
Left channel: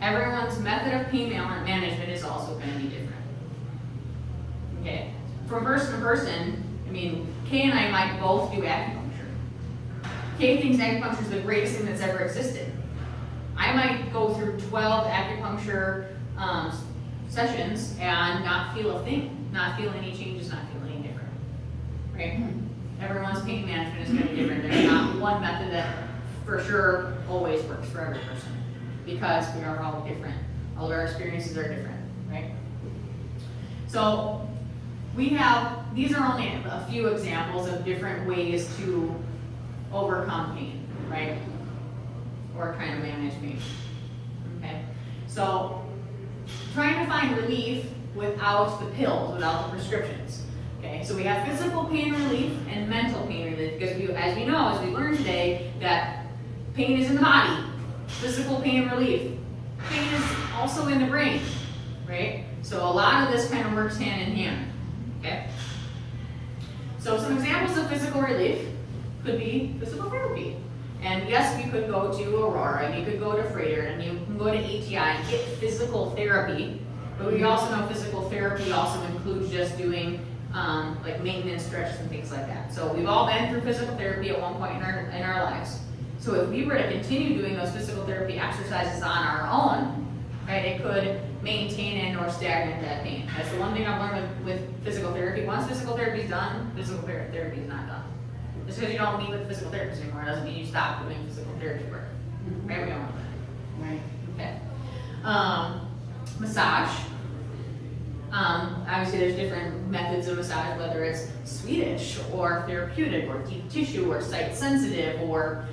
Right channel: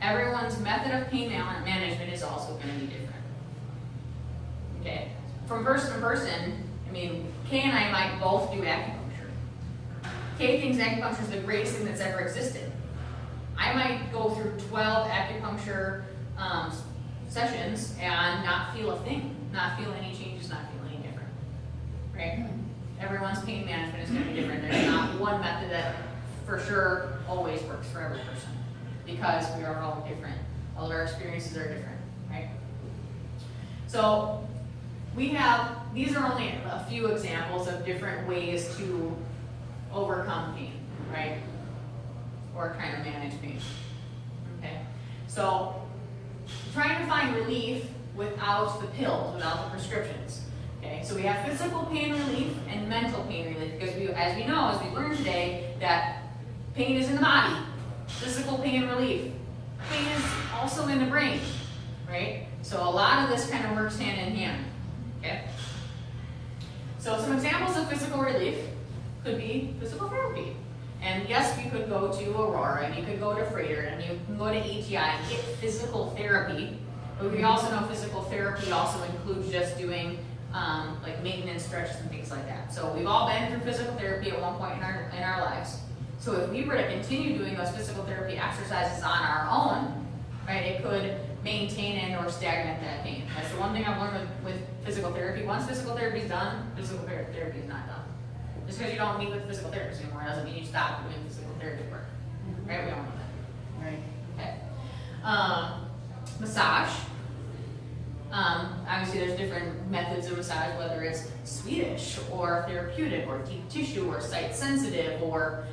everyone's method of pain management is also going to be different. Okay? From person to person, Kay and I might both do acupuncture. Kay thinks acupuncture is the greatest thing that's ever existed. I might go through 12 acupuncture sessions and not feel a thing, not feel any changes, not feel any different. Right? Everyone's pain management is going to be different. There's not one method that for sure always works for every person, because we are all different. All of our experiences are different, right? So these are only a few examples of different ways to overcome pain, right? Or trying to manage pain. Okay, so trying to find relief without the pills, without the prescriptions. Okay, so we have physical pain relief and mental pain relief because as we learned today, that pain is in the body. Physical pain relief. Pain is also in the brain, right? So a lot of this kind of works hand in hand. Okay. So some examples of physical relief could be physical therapy. And yes, you could go to Aurora, you could go to Freighter, and you can go to ATI and get physical therapy. But we also know physical therapy also includes just doing like maintenance stretches and things like that. So we've all been through physical therapy at one point in our lives. So if we were to continue doing those physical therapy exercises on our own, right, it could maintain and or stagnate that pain. That's the one thing I've learned with physical therapy. Once physical therapy is done, physical therapy is not done. Just because you don't meet with physical therapists anymore doesn't mean you stop doing physical therapy work. Right? We don't want that. Right. Okay. Massage. Obviously there's different methods of massage, whether it's Swedish or therapeutic or deep tissue or site sensitive or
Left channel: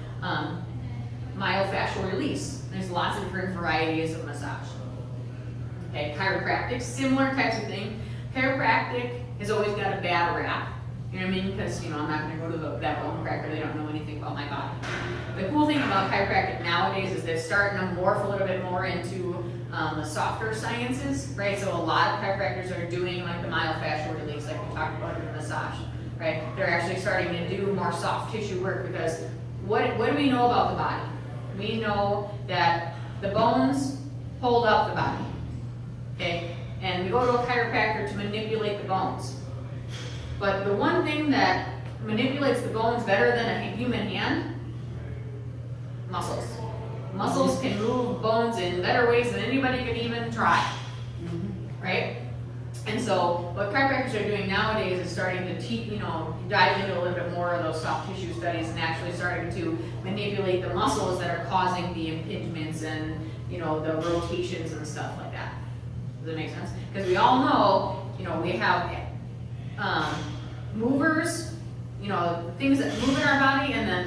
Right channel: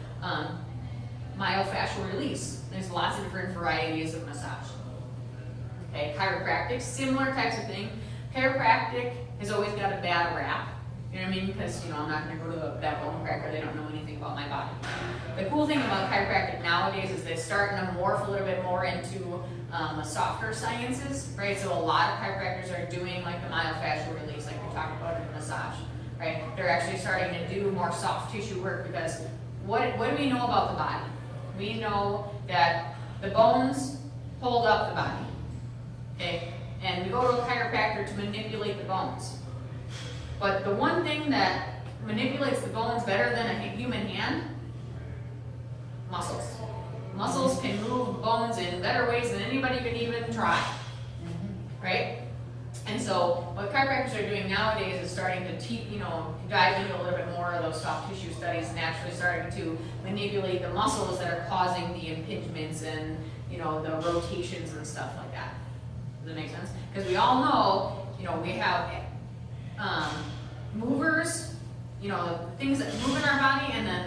myofascial release. There's lots of different varieties of massage. Okay, chiropractic, similar types of thing. Chiropractic has always got a bad rap. You know what I mean? Because, I'm not going to go to that bone cracker, they don't know anything about my body. The cool thing about chiropractic nowadays is they're starting to morph a little bit more into the softer sciences, right? So a lot of chiropractors are doing like the myofascial release, like we talked about in the massage, right? They're actually starting to do more soft tissue work because what do we know about the body? We know that the bones hold up the body, okay? And we go to a chiropractor to manipulate the bones. But the one thing that manipulates the bones better than a human hand, muscles. Muscles can move bones in better ways than anybody could even try, right? And so what chiropractors are doing nowadays is starting to dive into a little bit more of those soft tissue studies and actually starting to manipulate the muscles that are causing the impingements and the rotations and stuff like that. Does that make sense? Because we all know, we have movers, things that move in our body, and then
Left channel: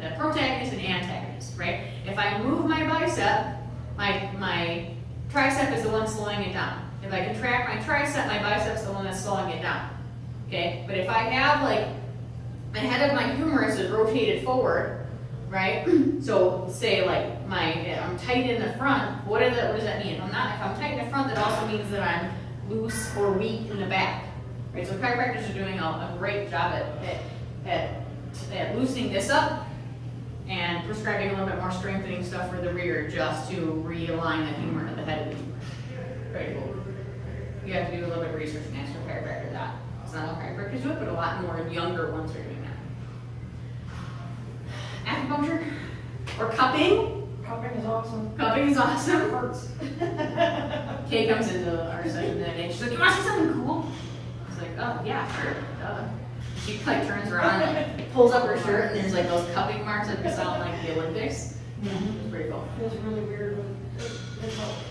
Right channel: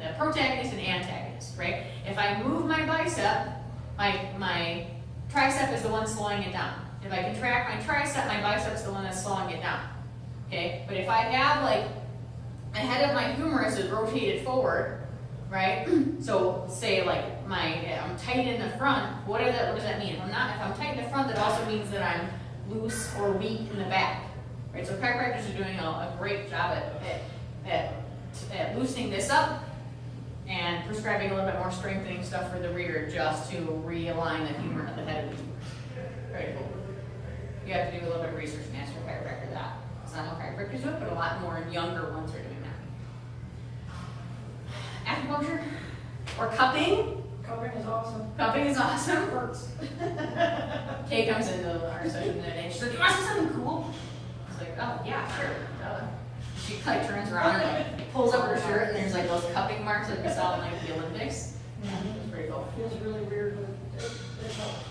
the protagonists and antagonists, right? If I move my bicep, my tricep is the one slowing it down. If I contract my tricep, my bicep's the one that's slowing it down. Okay? But if I have the head of my humerus is rotated forward, right? So say I'm tight in the front, what does that mean? If I'm tight in the front, that also means that I'm loose or weak in the back. Right? So chiropractors are doing a great job at loosening this up and prescribing a little bit more strengthening stuff for the rear just to realign the humor at the head of the humerus. Very cool. You have to do a little bit of research and ask your chiropractor that. It's not all chiropractors do it, but a lot more younger ones are doing that. Acupuncture or cupping. Cupping is awesome. Cupping is awesome. It hurts. Kay comes into our session and she's like, "You want to see something cool?" I was like, "Oh yeah, sure." Duh. She turns around and pulls up her shirt and there's those cupping marks that we saw in the Olympics. It's pretty cool. It feels really weird, but it helps.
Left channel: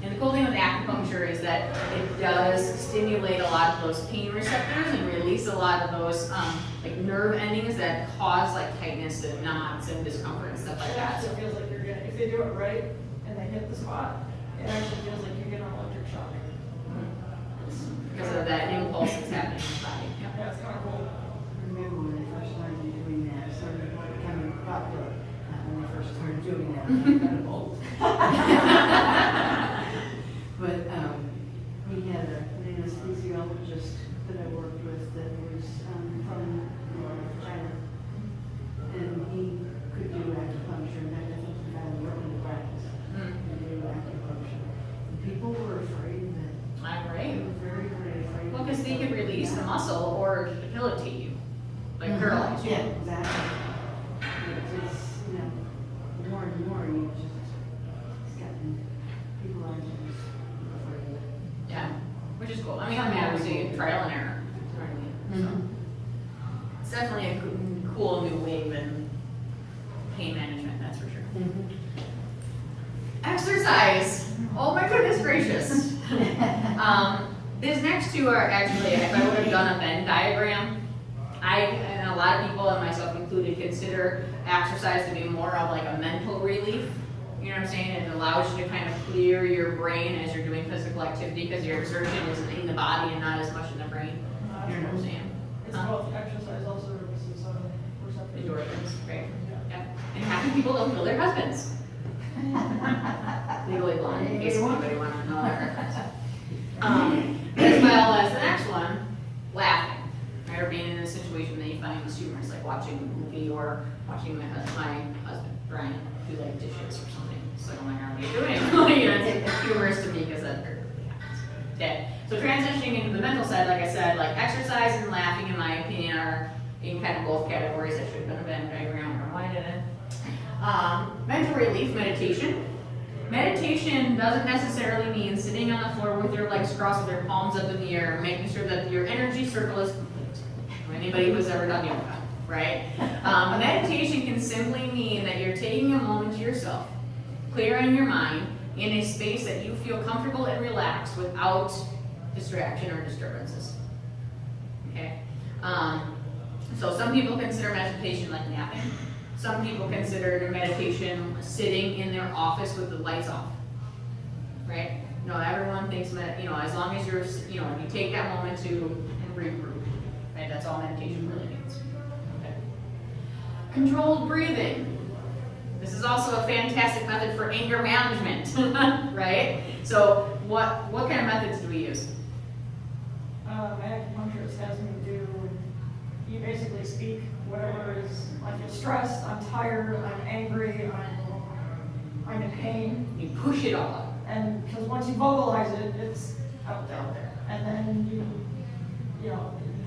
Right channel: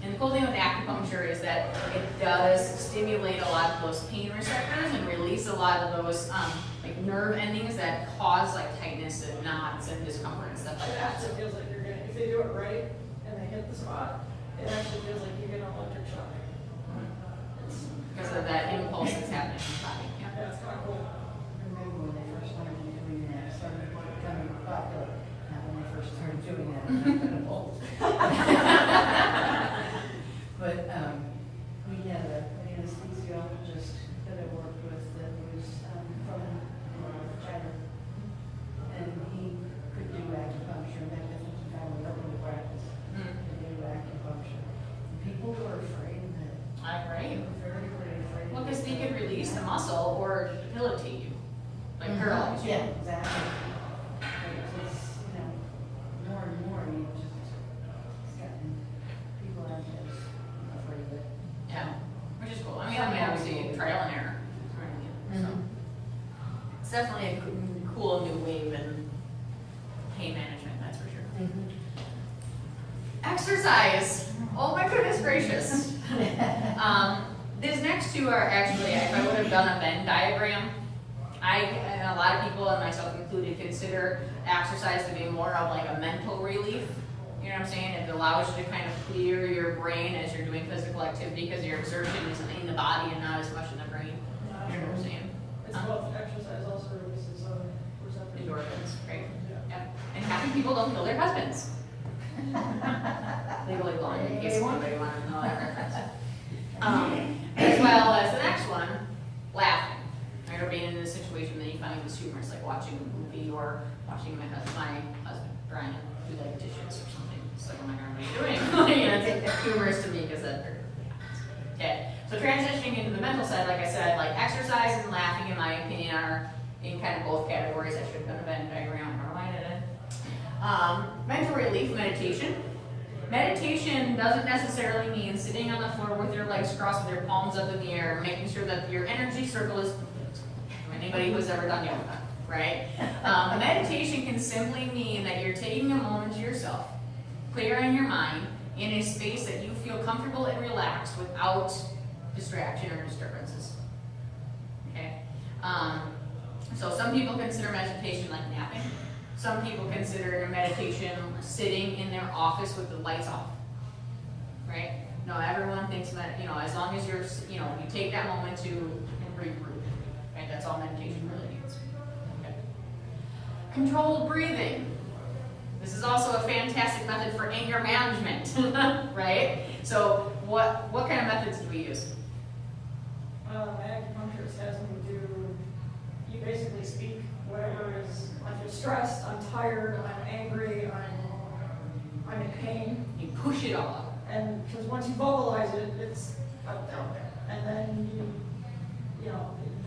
And the cool thing with acupuncture is that it does stimulate a lot of those pain receptors and release a lot of those nerve endings that cause tightness and knots and discomfort and stuff like It that. actually feels like you're getting, if they do it right and they hit the spot, it actually feels like you get an electric shock. Because of that impulse that's happening in the body. Yeah, it's kind of cool. I remember when I first started doing that, I started becoming popular. Not when I first started doing that, I'm kind of old. But we had an anesthesiologist that I worked with that was from China. And he could do acupuncture, and I think he finally opened a practice to do acupuncture. And people were afraid of it. Right. They were very, very afraid. Well, because they can release the muscle or debilitate you, paralyze you. Yeah, exactly. But it's, more and more, it's gotten, people aren't as afraid of it. Yeah, which is cool. I mean, obviously trial and error. So, it's definitely a cool new wave in pain management, that's for sure. Exercise. Oh my goodness gracious. These next two are actually, if I would have done a Venn diagram, and a lot of people, and myself included, consider exercise to be more of like a mental relief. You know what I'm saying? It allows you to kind of clear your brain as you're doing physical activity because your exertion is in the body and not as much in the brain. You know what I'm saying? It's both exercise also releases receptors. Endorphins, right? Yeah. Yep. And half the people don't kill their husbands. Legally blonde, in case anybody wanted to know that reference. As well as the next one, laughing, right? Or being in a situation that you find is humorous, like watching a movie or watching my husband, Brian, do like dishes or something. It's like, oh my God, what are you doing? You know, it's humorous to me because that really happens. Okay, so transitioning into the mental side, like I said, like exercise and laughing, in my opinion, are in kind of both categories. I should have done a Venn diagram or why did it? Mental relief, meditation. Meditation doesn't necessarily mean sitting on the floor with your legs crossed with your palms up in the air, making sure that your energy circle is complete. Anybody who's ever done yoga, right? Meditation can simply mean that you're taking a moment to yourself, clearing your mind in a space that you feel comfortable and relaxed without distraction or disturbances. Okay? So some people consider meditation like napping. Some people consider meditation sitting in their office with the lights off, right? No, everyone thinks, as long as you're, you take that moment to regroup, right? That's all meditation really means. Okay. Controlled breathing. This is also a fantastic method for anger management, right? So what kind of methods do we use? My acupuncturist has me do, you basically speak whatever is, like you're stressed, I'm tired, I'm angry, I'm in pain. You push it all out. And because once you vocalize it, it's out there. And then you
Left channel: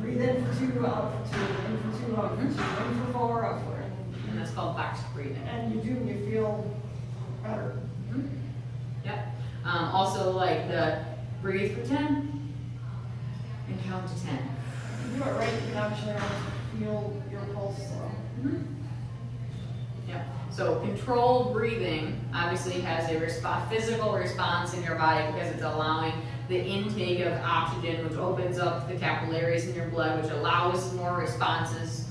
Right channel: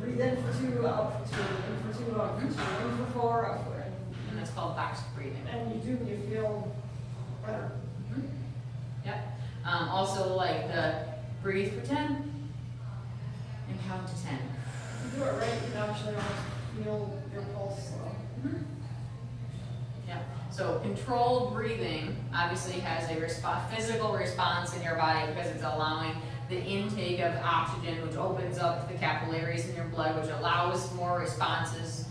breathe in for 2, out for 2, in for 2, out for 2, in for 4, out for 4. And that's called box breathing. And you feel better. Mm-hmm. Yep. Also like the breathe for 10 and count to 10. If you do it right, you can actually feel your pulse slow. Mm-hmm. Yeah. So controlled breathing obviously has a physical response in your body because it's allowing the intake of oxygen, which opens up the capillaries in your blood, which allows more responses.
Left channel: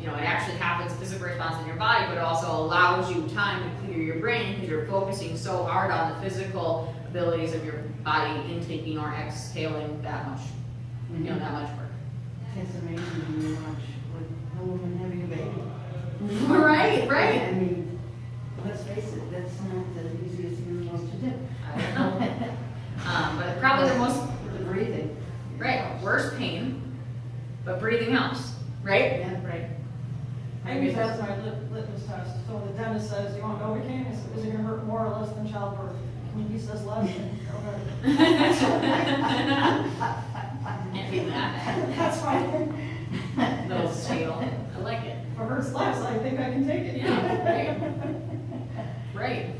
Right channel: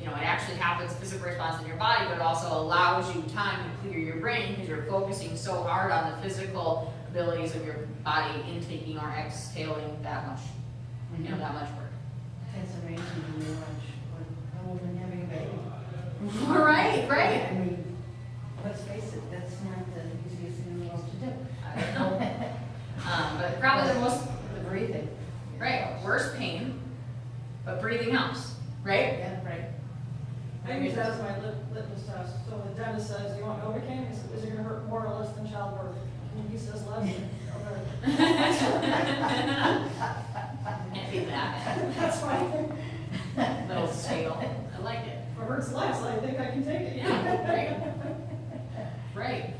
It actually happens, physical response in your body, but it also allows you time to clear your brain because you're focusing so hard on the physical abilities of your body intaking or exhaling that much, that much work. It's amazing when you watch a woman having a baby. Right. I mean, let's face it, that's not the easiest thing in the world to do. I don't know. But probably the most, The breathing. right, worse pain, but breathing helps, right? Yeah, right. I use that as my litmus test. So the dentist says, do you want Novocaine? I said, is it going to hurt more or less than childbirth? And he says less. Can't beat that. That's fine. Little scale. I like it. If it hurts less, I think I can take it. Yeah, right.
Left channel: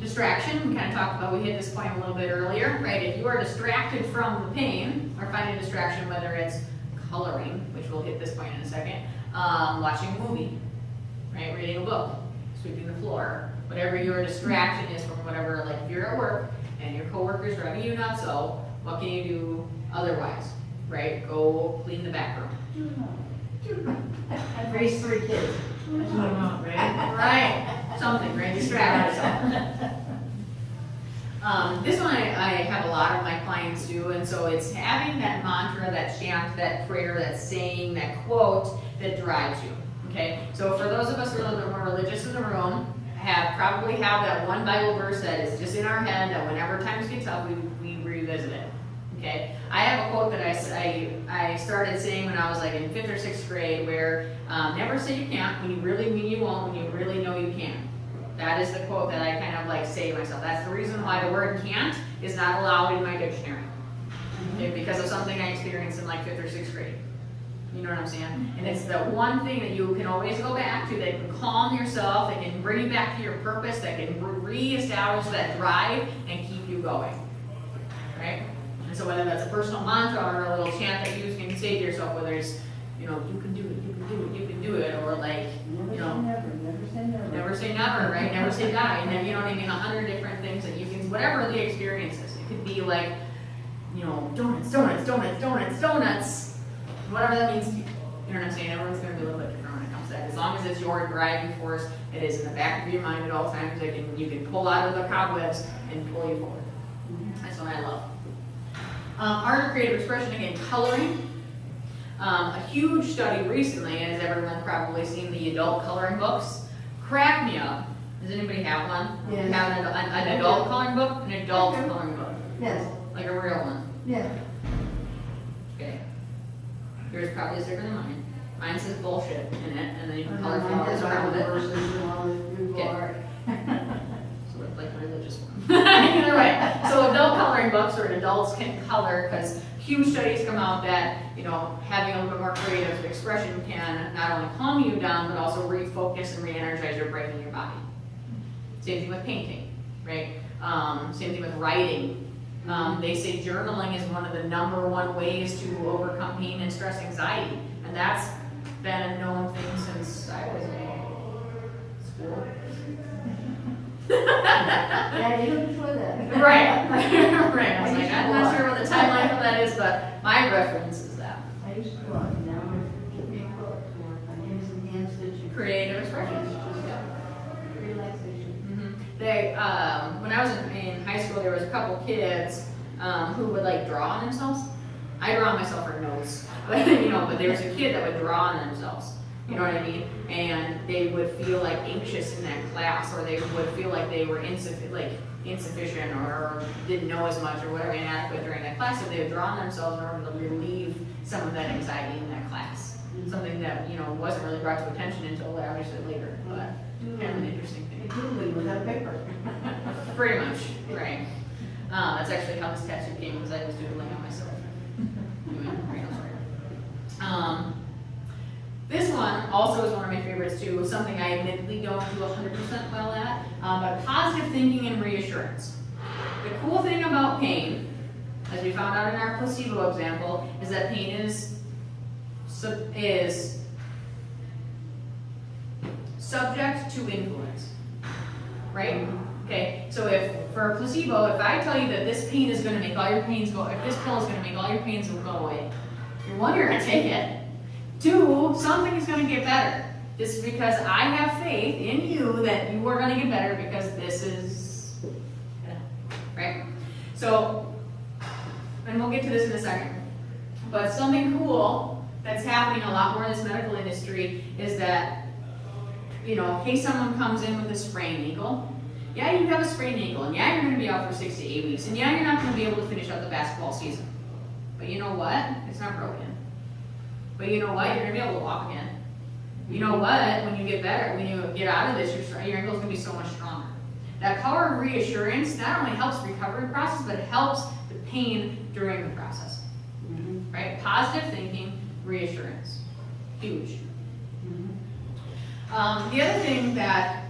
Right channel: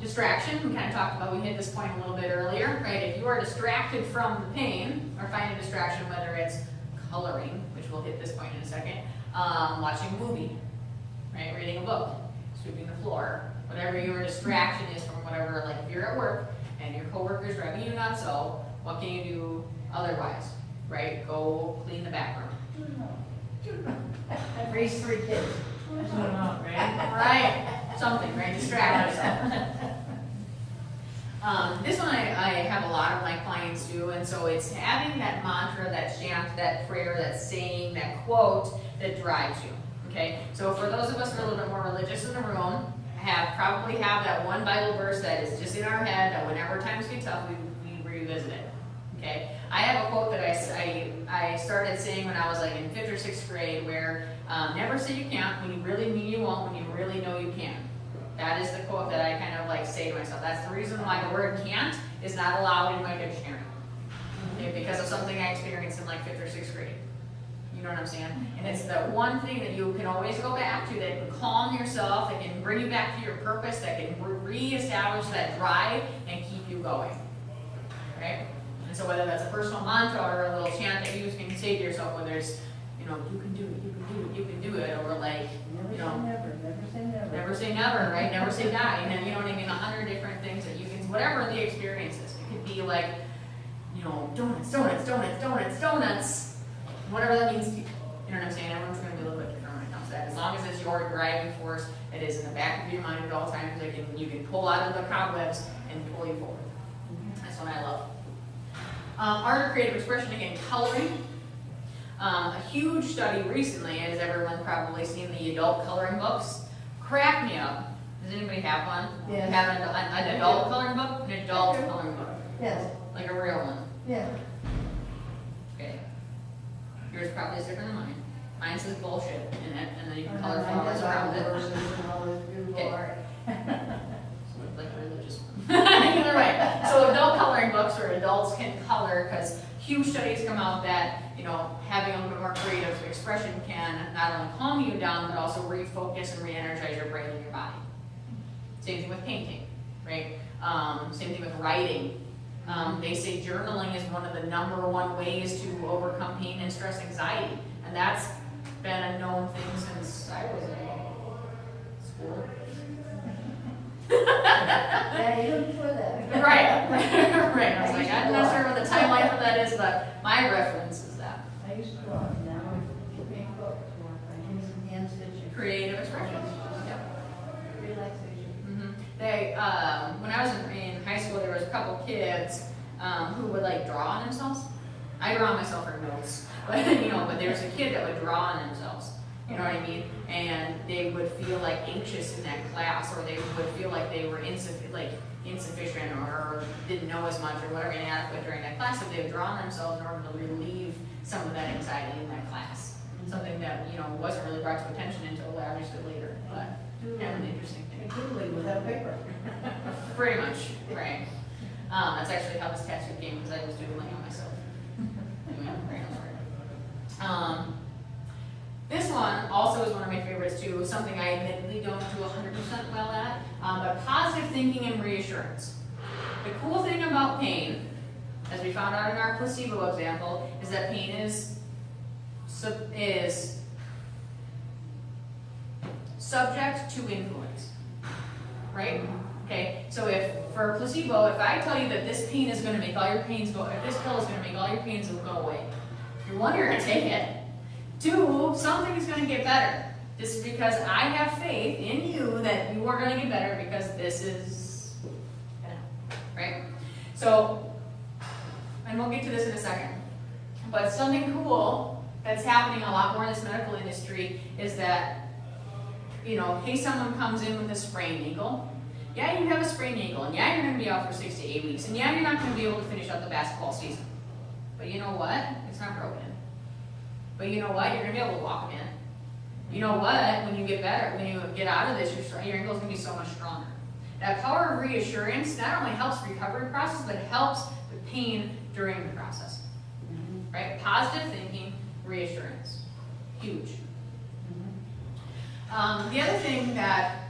Distraction, we kind of talked about, we hit this point a little bit earlier, right? If you are distracted from the pain, or find a distraction, whether it's coloring, which we'll hit this point in a second, watching a movie, right? Reading a book, sweeping the floor, whatever your distraction is from whatever, like if you're at work and your coworker's driving you nuts, so what can you do otherwise, right? Go clean the bathroom. I've raised 3 kids. That's what I'm on, right? Right, something, right? Distract yourself. This one I have a lot of my clients do, and so it's having that mantra, that chant, that prayer, that saying, that quote that drives you. Okay, so for those of us who are a little bit more religious in the room, probably have that one Bible verse that is just in our head that whenever times get tough, we revisit it. Okay, I have a quote that I started saying when I was like in 5th or 6th grade, where never say you can't when you really mean you won't, when you really know you can. That is the quote that I kind of like say to myself. That's the reason why the word can't is not allowed in my dictionary. Okay, because of something I experienced in like 5th or 6th grade. You know what I'm saying? And it's the one thing that you can always go back to that can calm yourself, that can bring you back to your purpose, that can reestablish that drive and keep you going. Right? And so whether that's a personal mantra or a little chant that you can say to yourself, whether it's, you can do it, you can do it, you can do it, or like, Never say never. Never say never, right? Never say die. And then, 100 different things that you can, whatever the experience is. It could be like, you know, donuts, donuts, donuts, donuts, donuts, whatever that means, you know what I'm saying? Everyone's gonna be a little bit different when it comes to that. As long as it's your driving force, it is in the back of your mind at all times. You can pull out of the cobwebs and pull you forward. That's what I love. Art or creative expression, again, coloring. A huge study recently, as everyone's probably seen, the adult coloring books. Crack me up. Does anybody have one? Yes. Have an adult coloring book? An adult coloring book. Yes, Like a real one. yeah. Okay. Yours probably is different than mine. Mine says bullshit in it, and then you can color Mine flowers has all around the it. verses and all the Google Okay. art. So it's like a religious one. Either way. So adult coloring books where adults can color, because huge studies come out that, you know, having a little bit more creative expression can not only calm you down, but also refocus and re-energize your brain and your body. Same thing with painting, right? Same thing with writing. They say journaling is one of the #1 ways to overcome pain and stress anxiety. And that's been a known thing since I was in school. Yeah, even before that. Right, right. I was like, I'm not sure what the timeline for that is, but my reference is that. I used to go out and down and get me a book to work on, give me some hand stitching. Creative expression. Yep. Relaxation. They, when I was in high school, there was a couple kids who would like draw on themselves. I draw on myself for notes, but you know, but there was a kid that would draw on themselves. You know what I mean? And they would feel like anxious in that class, or they would feel like they were insufficient or didn't know as much or whatever, inadequate during that class. So they would draw on themselves in order to relieve some of that anxiety in that class. Something that, you know, wasn't really brought to attention until obviously later, but kind of an interesting thing. Doodling with that paper. Pretty much, right. That's actually how this tattoo came, because I was doodling on myself. Anyway, this one also is one of my favorites too, something I admittedly don't do 100% well at, but positive thinking and reassurance. The cool thing about pain, as we found out in our placebo example, is that pain is subject to influence, right? Okay, so if for a placebo, if I tell you that this pain is going to make all your pains go, if this pill is going to make all your pains go away, you're one, you're going to take it. 2, something's going to get better. This is because I have faith in you that you are going to get better because this is, right? So, and we'll get to this in a second. But something cool that's happening a lot more in this medical industry is that, you know, hey, someone comes in with a sprained ankle. Yeah, you have a sprained ankle, and yeah, you're going to be out for 6 to 8 weeks, and yeah, you're not going to be able to finish out the basketball season. But you know what? It's not broken. But you know what? You're going to be able to walk again. You know what? When you get better, when you get out of this, your ankle's going to be so much stronger. That power of reassurance not only helps the recovery process, but it helps the pain during the process. Right? Positive thinking, reassurance. Huge. The other thing that,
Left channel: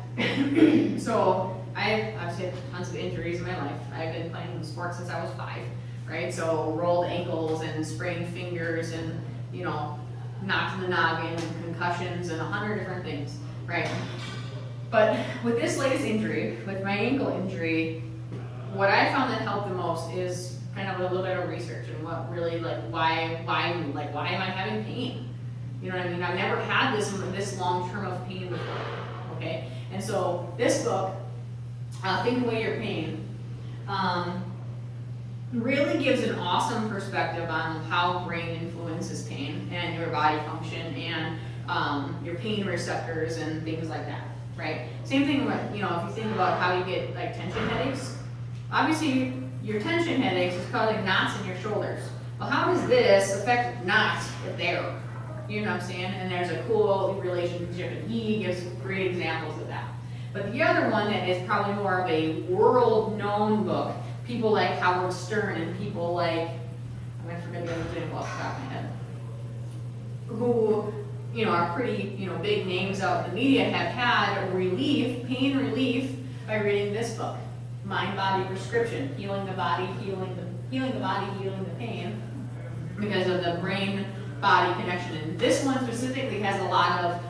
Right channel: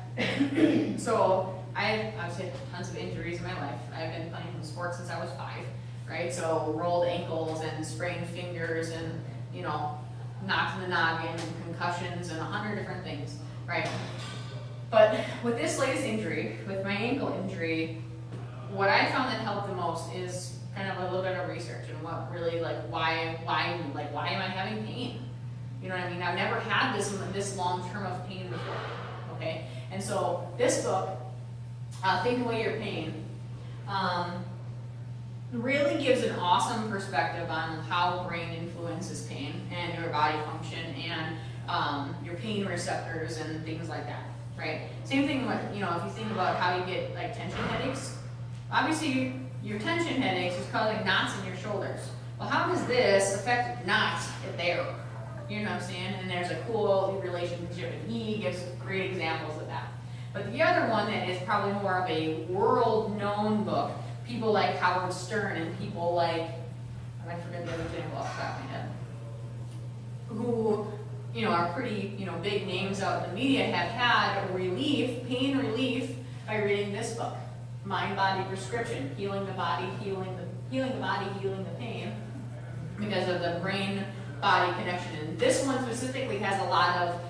so I've had tons of injuries in my life. I've been playing sports since I was 5, right? So rolled ankles and sprained fingers and, you know, knocked in the noggin and concussions and 100 different things, right? But with this latest injury, with my ankle injury, what I found that helped the most is kind of a little bit of research and what really, like, why am I having pain? You know what I mean? I've never had this long term of pain before, okay? And so this book, Think Away Your Pain, really gives an awesome perspective on how brain influences pain and your body function and your pain receptors and things like that, right? Same thing with, you know, if you think about how you get like tension headaches, obviously your tension headaches is causing knots in your shoulders. Well, how does this affect knots if there? You know what I'm saying? And there's a cool relationship, and he gives great examples of that. But the other one that is probably more of a world-known book, people like Howard Stern and people like, I forget the other example off the top of my head, who, you know, are pretty, you know, big names out in the media, have had relief, pain relief, by reading this book, Mind Body Prescription, Healing the Body, Healing the Pain, because of the brain body connection. And this one specifically has a lot of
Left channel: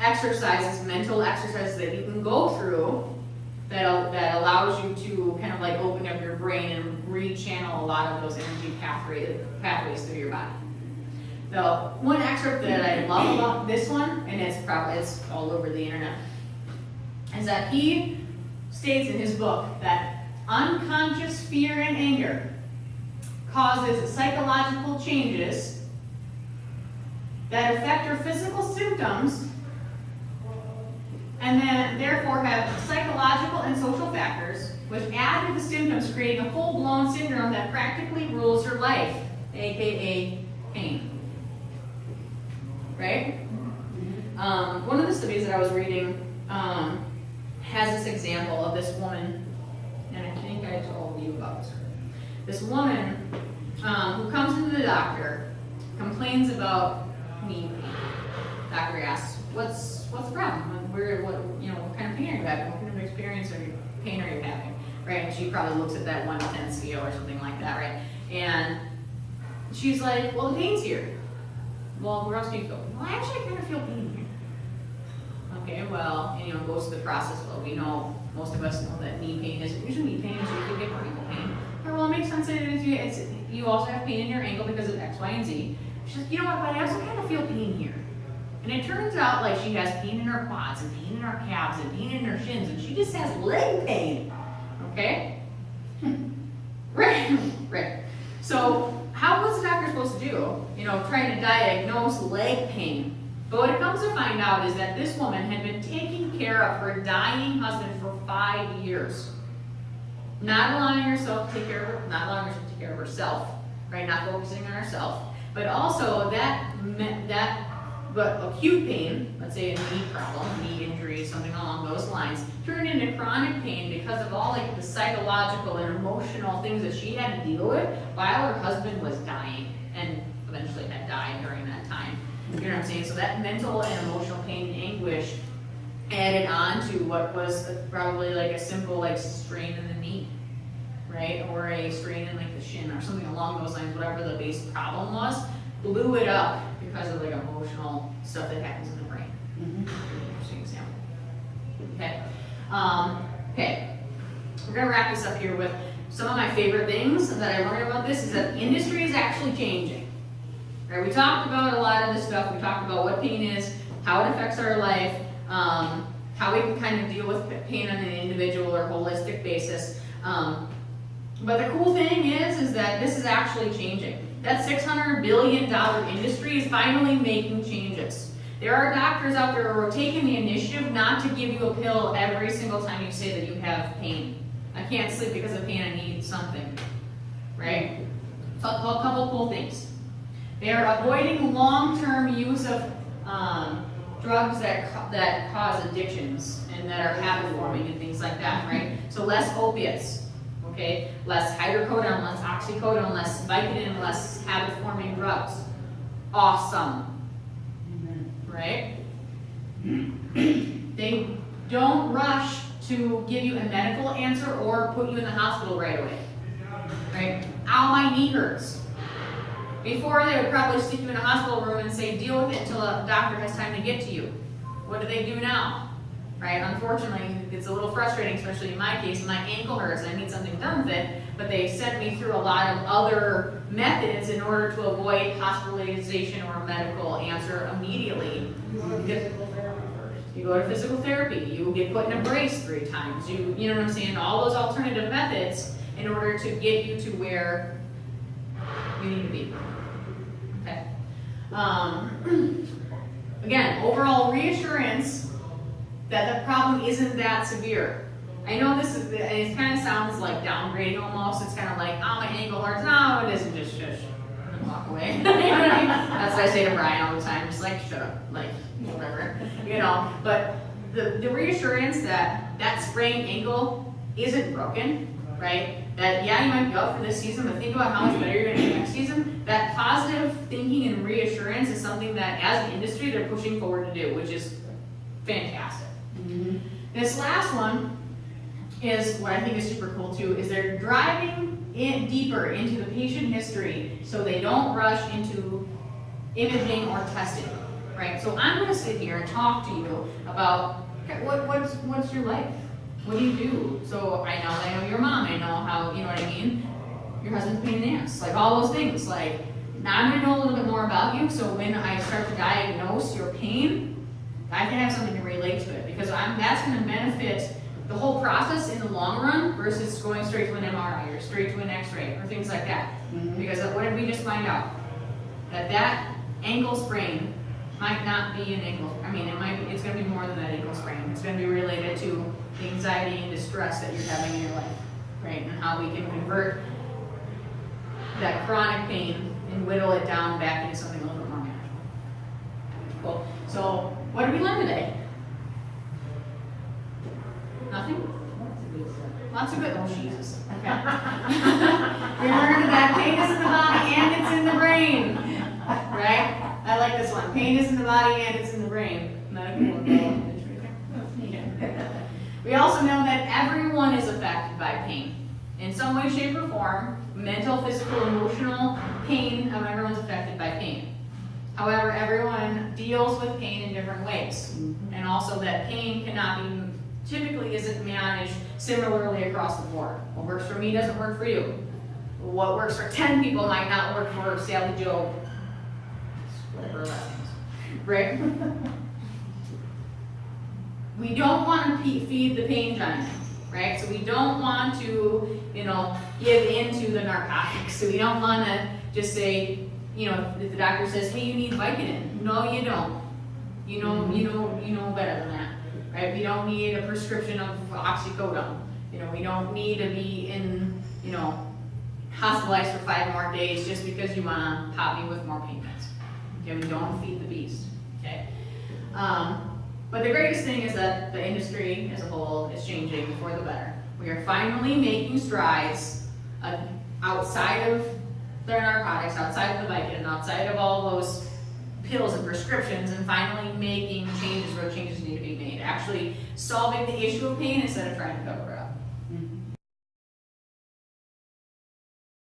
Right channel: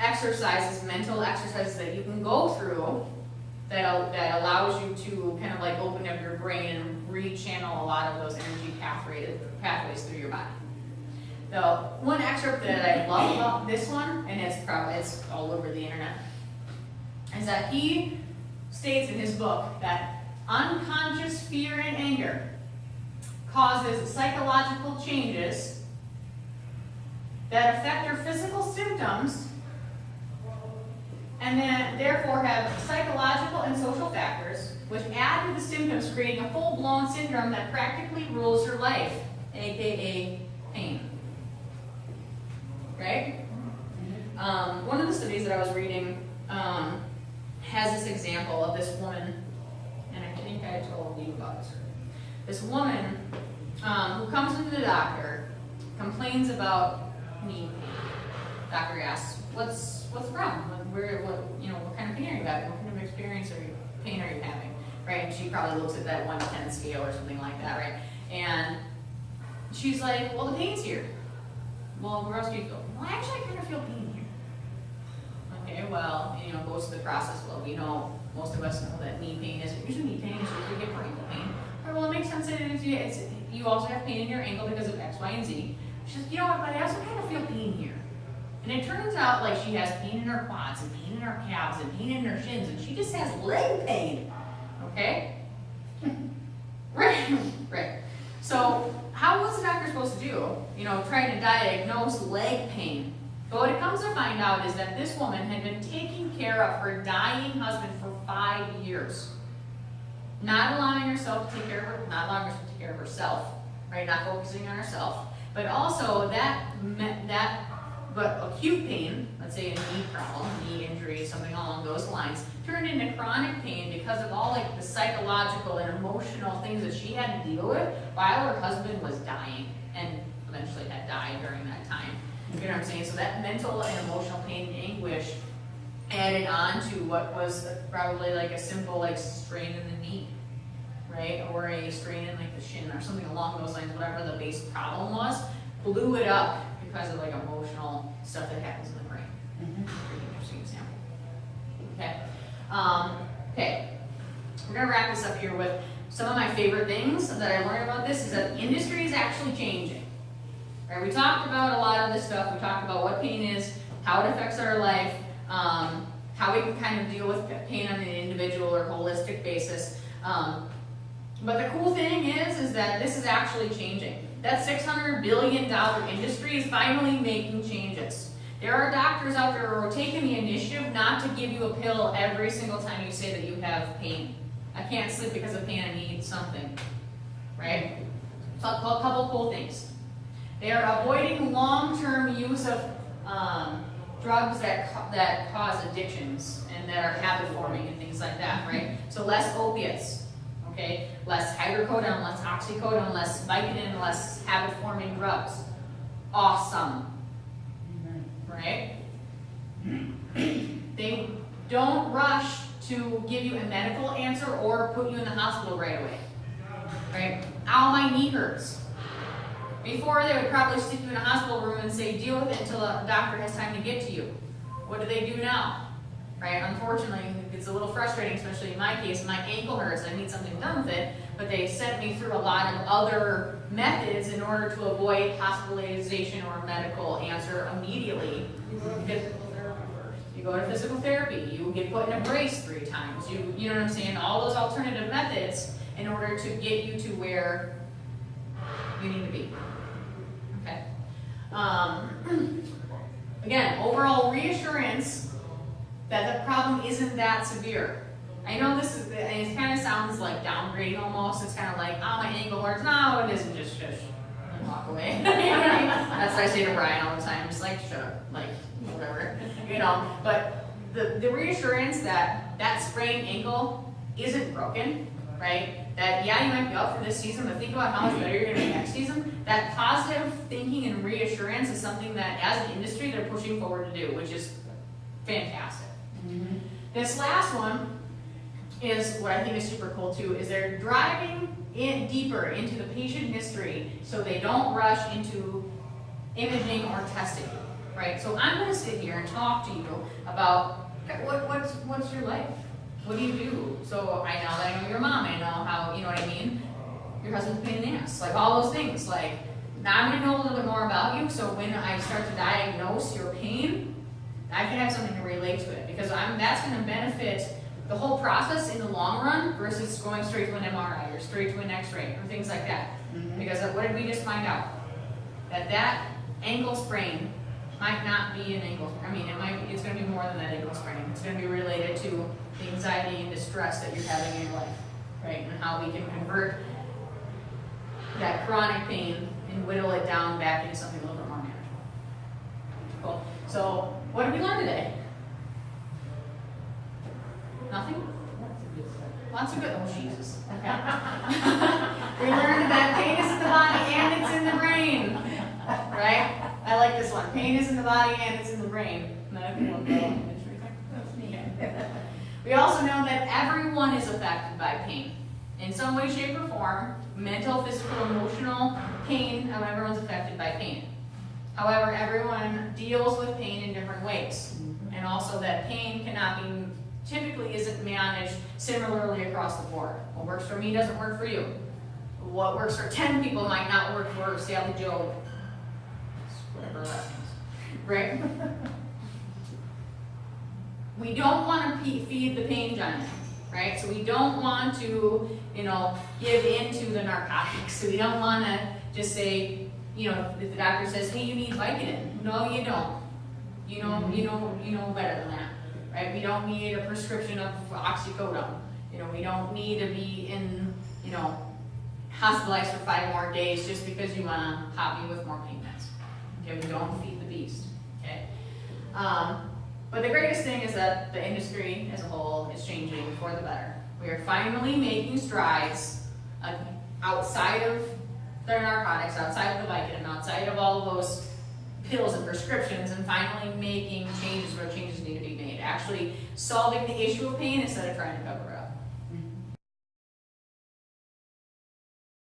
exercises, mental exercises that you can go through that allows you to kind of like open up your brain and rechannel a lot of those energy pathways through your body. So one excerpt that I love about this one, and it's all over the internet, is that he states in his book that unconscious fear and anger causes psychological changes that affect your physical symptoms and then therefore have psychological and social factors which add to the symptoms, creating a full-blown syndrome that practically rules your life, aka pain. Right? One of the studies that I was reading has this example of this woman, and I think I told you about this. This woman who comes into the doctor, complains about knee pain. Doctor asks, "What's the problem? What kind of pain are you having? What kind of pain are you having?" Right? And she probably looks at that 1 to 10 scale or something like that, right? And she's like, "Well, the pain's here." "Well, where else do you feel?" "Well, actually, I kind of feel pain here." Okay, well, goes to the process. Well, we know, most of us know that knee pain isn't usually knee pain, it's usually hip or ankle pain. Or, well, it makes sense that you also have pain in your ankle because of X, Y, and Z. She's like, "You know what, but I also kind of feel pain here." And it turns out like she has pain in her quads and pain in her calves and pain in her shins, and she just has leg pain. Okay? Right. So how was the doctor supposed to do? Trying to diagnose leg pain. But what it comes to find out is that this woman had been taking care of her dying husband for 5 years. Not allowing herself to take care of herself, right? Not focusing on herself. But also but acute pain, let's say a knee problem, knee injury, something along those lines, turned into chronic pain because of all the psychological and emotional things that she had to deal with while her husband was dying and eventually had died during that time. You know what I'm saying? So that mental and emotional pain and anguish added on to what was probably like a simple strain in the knee, right? Or a strain in the shin or something along those lines, whatever the base problem was, blew it up because of emotional stuff that happens in the brain. Pretty interesting example. Okay. We're gonna wrap this up here with some of my favorite things that I learned about this is that the industry is actually changing. Right? We talked about a lot of this stuff. We talked about what pain is, how it affects our life, how we can kind of deal with pain on an individual or holistic basis. But the cool thing is that this is actually changing. That $600 billion industry is finally making changes. There are doctors out there who are taking the initiative not to give you a pill every single time you say that you have pain. I can't sleep because of pain, I need something, right? So a couple cool things. They are avoiding long-term use of drugs that cause addictions and that are habit-forming and things like that, right? So less opiates, okay? Less hydrocodone, less oxycodone, less Vicodin, less habit-forming drugs. Awesome, right? They don't rush to give you a medical answer or put you in the hospital right away, right? Ow, my knee hurts. Before, they would probably stick you in a hospital room and say, deal with it until the doctor has time to get to you. What do they do now? Right? Unfortunately, it's a little frustrating, especially in my case. My ankle hurts, I need something done with it, but they sent me through a lot of other methods in order to avoid hospitalization or a medical answer immediately. You go to physical therapy, you get put in a brace 3 times, you know what I'm saying? All those alternative methods in order to get you to where you need to be. Okay. Again, overall reassurance that the problem isn't that severe. I know it kind of sounds like downgrading almost. It's kind of like, oh, my ankle hurts. No, it isn't, just shush. And walk away. You know what I mean? That's what I say to Brian all the time. Just shut up. Whatever. But the reassurance that sprained ankle isn't broken, right? That, yeah, you might be out for this season, but think about how much better you're going to be next season. That positive thinking and reassurance is something that, as an industry, they're pushing forward to do, which is fantastic. This last one is what I think is super cool, too, is they're driving in deeper into the patient history so they don't rush into imaging or testing, right? So I'm going to sit here and talk to you about what's your life? What do you do? So I know your mom, I know how, you know what I mean? your husband's a pain in the ass, like all those things. Like, now I'm gonna know a little bit more about you, so when I start to diagnose your pain, I can have something to relate to it, because that's gonna benefit the whole process in the long run versus going straight to an MRI or straight to an X-ray or things like that. Because what did we just find out? That ankle sprain might not be an ankle, I mean, it's gonna be more than that ankle sprain. It's gonna be related to the anxiety and distress that you're having in your life, right? And how we can convert that chronic pain and whittle it down back into something a little bit more manageable. Cool. So, what did we learn today? Nothing? Lots of good, oh Jesus. Okay. We learned that pain is in the body and it's in the brain. Right? I like this one. Pain is in the body and it's in the brain. Not a good one. We also know that everyone is affected by pain. In some way, shape, or form, mental, physical, emotional pain, and everyone's affected by pain. However, everyone deals with pain in different ways. And also that pain typically isn't managed similarly across the board. What works for me doesn't work for you. What works for 10 people might not work for Sally Joe. Whatever that means. Right? We don't want to feed the pain giant, right? So we don't want to, give into the narcotics. So we don't want to just say, if the doctor says, hey, you need Vicodin. No, you don't. You know better than that. Right? We don't need a prescription of oxycodone. We don't need to be in, hospitalized for 5 more days just because you want to pop me with more pain meds. Okay, we don't feed the beast. Okay. But the greatest thing is that the industry as a whole is changing for the better. We are finally making strides outside of the narcotics, outside of the Vicodin, outside of all those pills and prescriptions, and finally making changes where changes need to be made. Actually solving the issue of pain instead of trying to cover it up.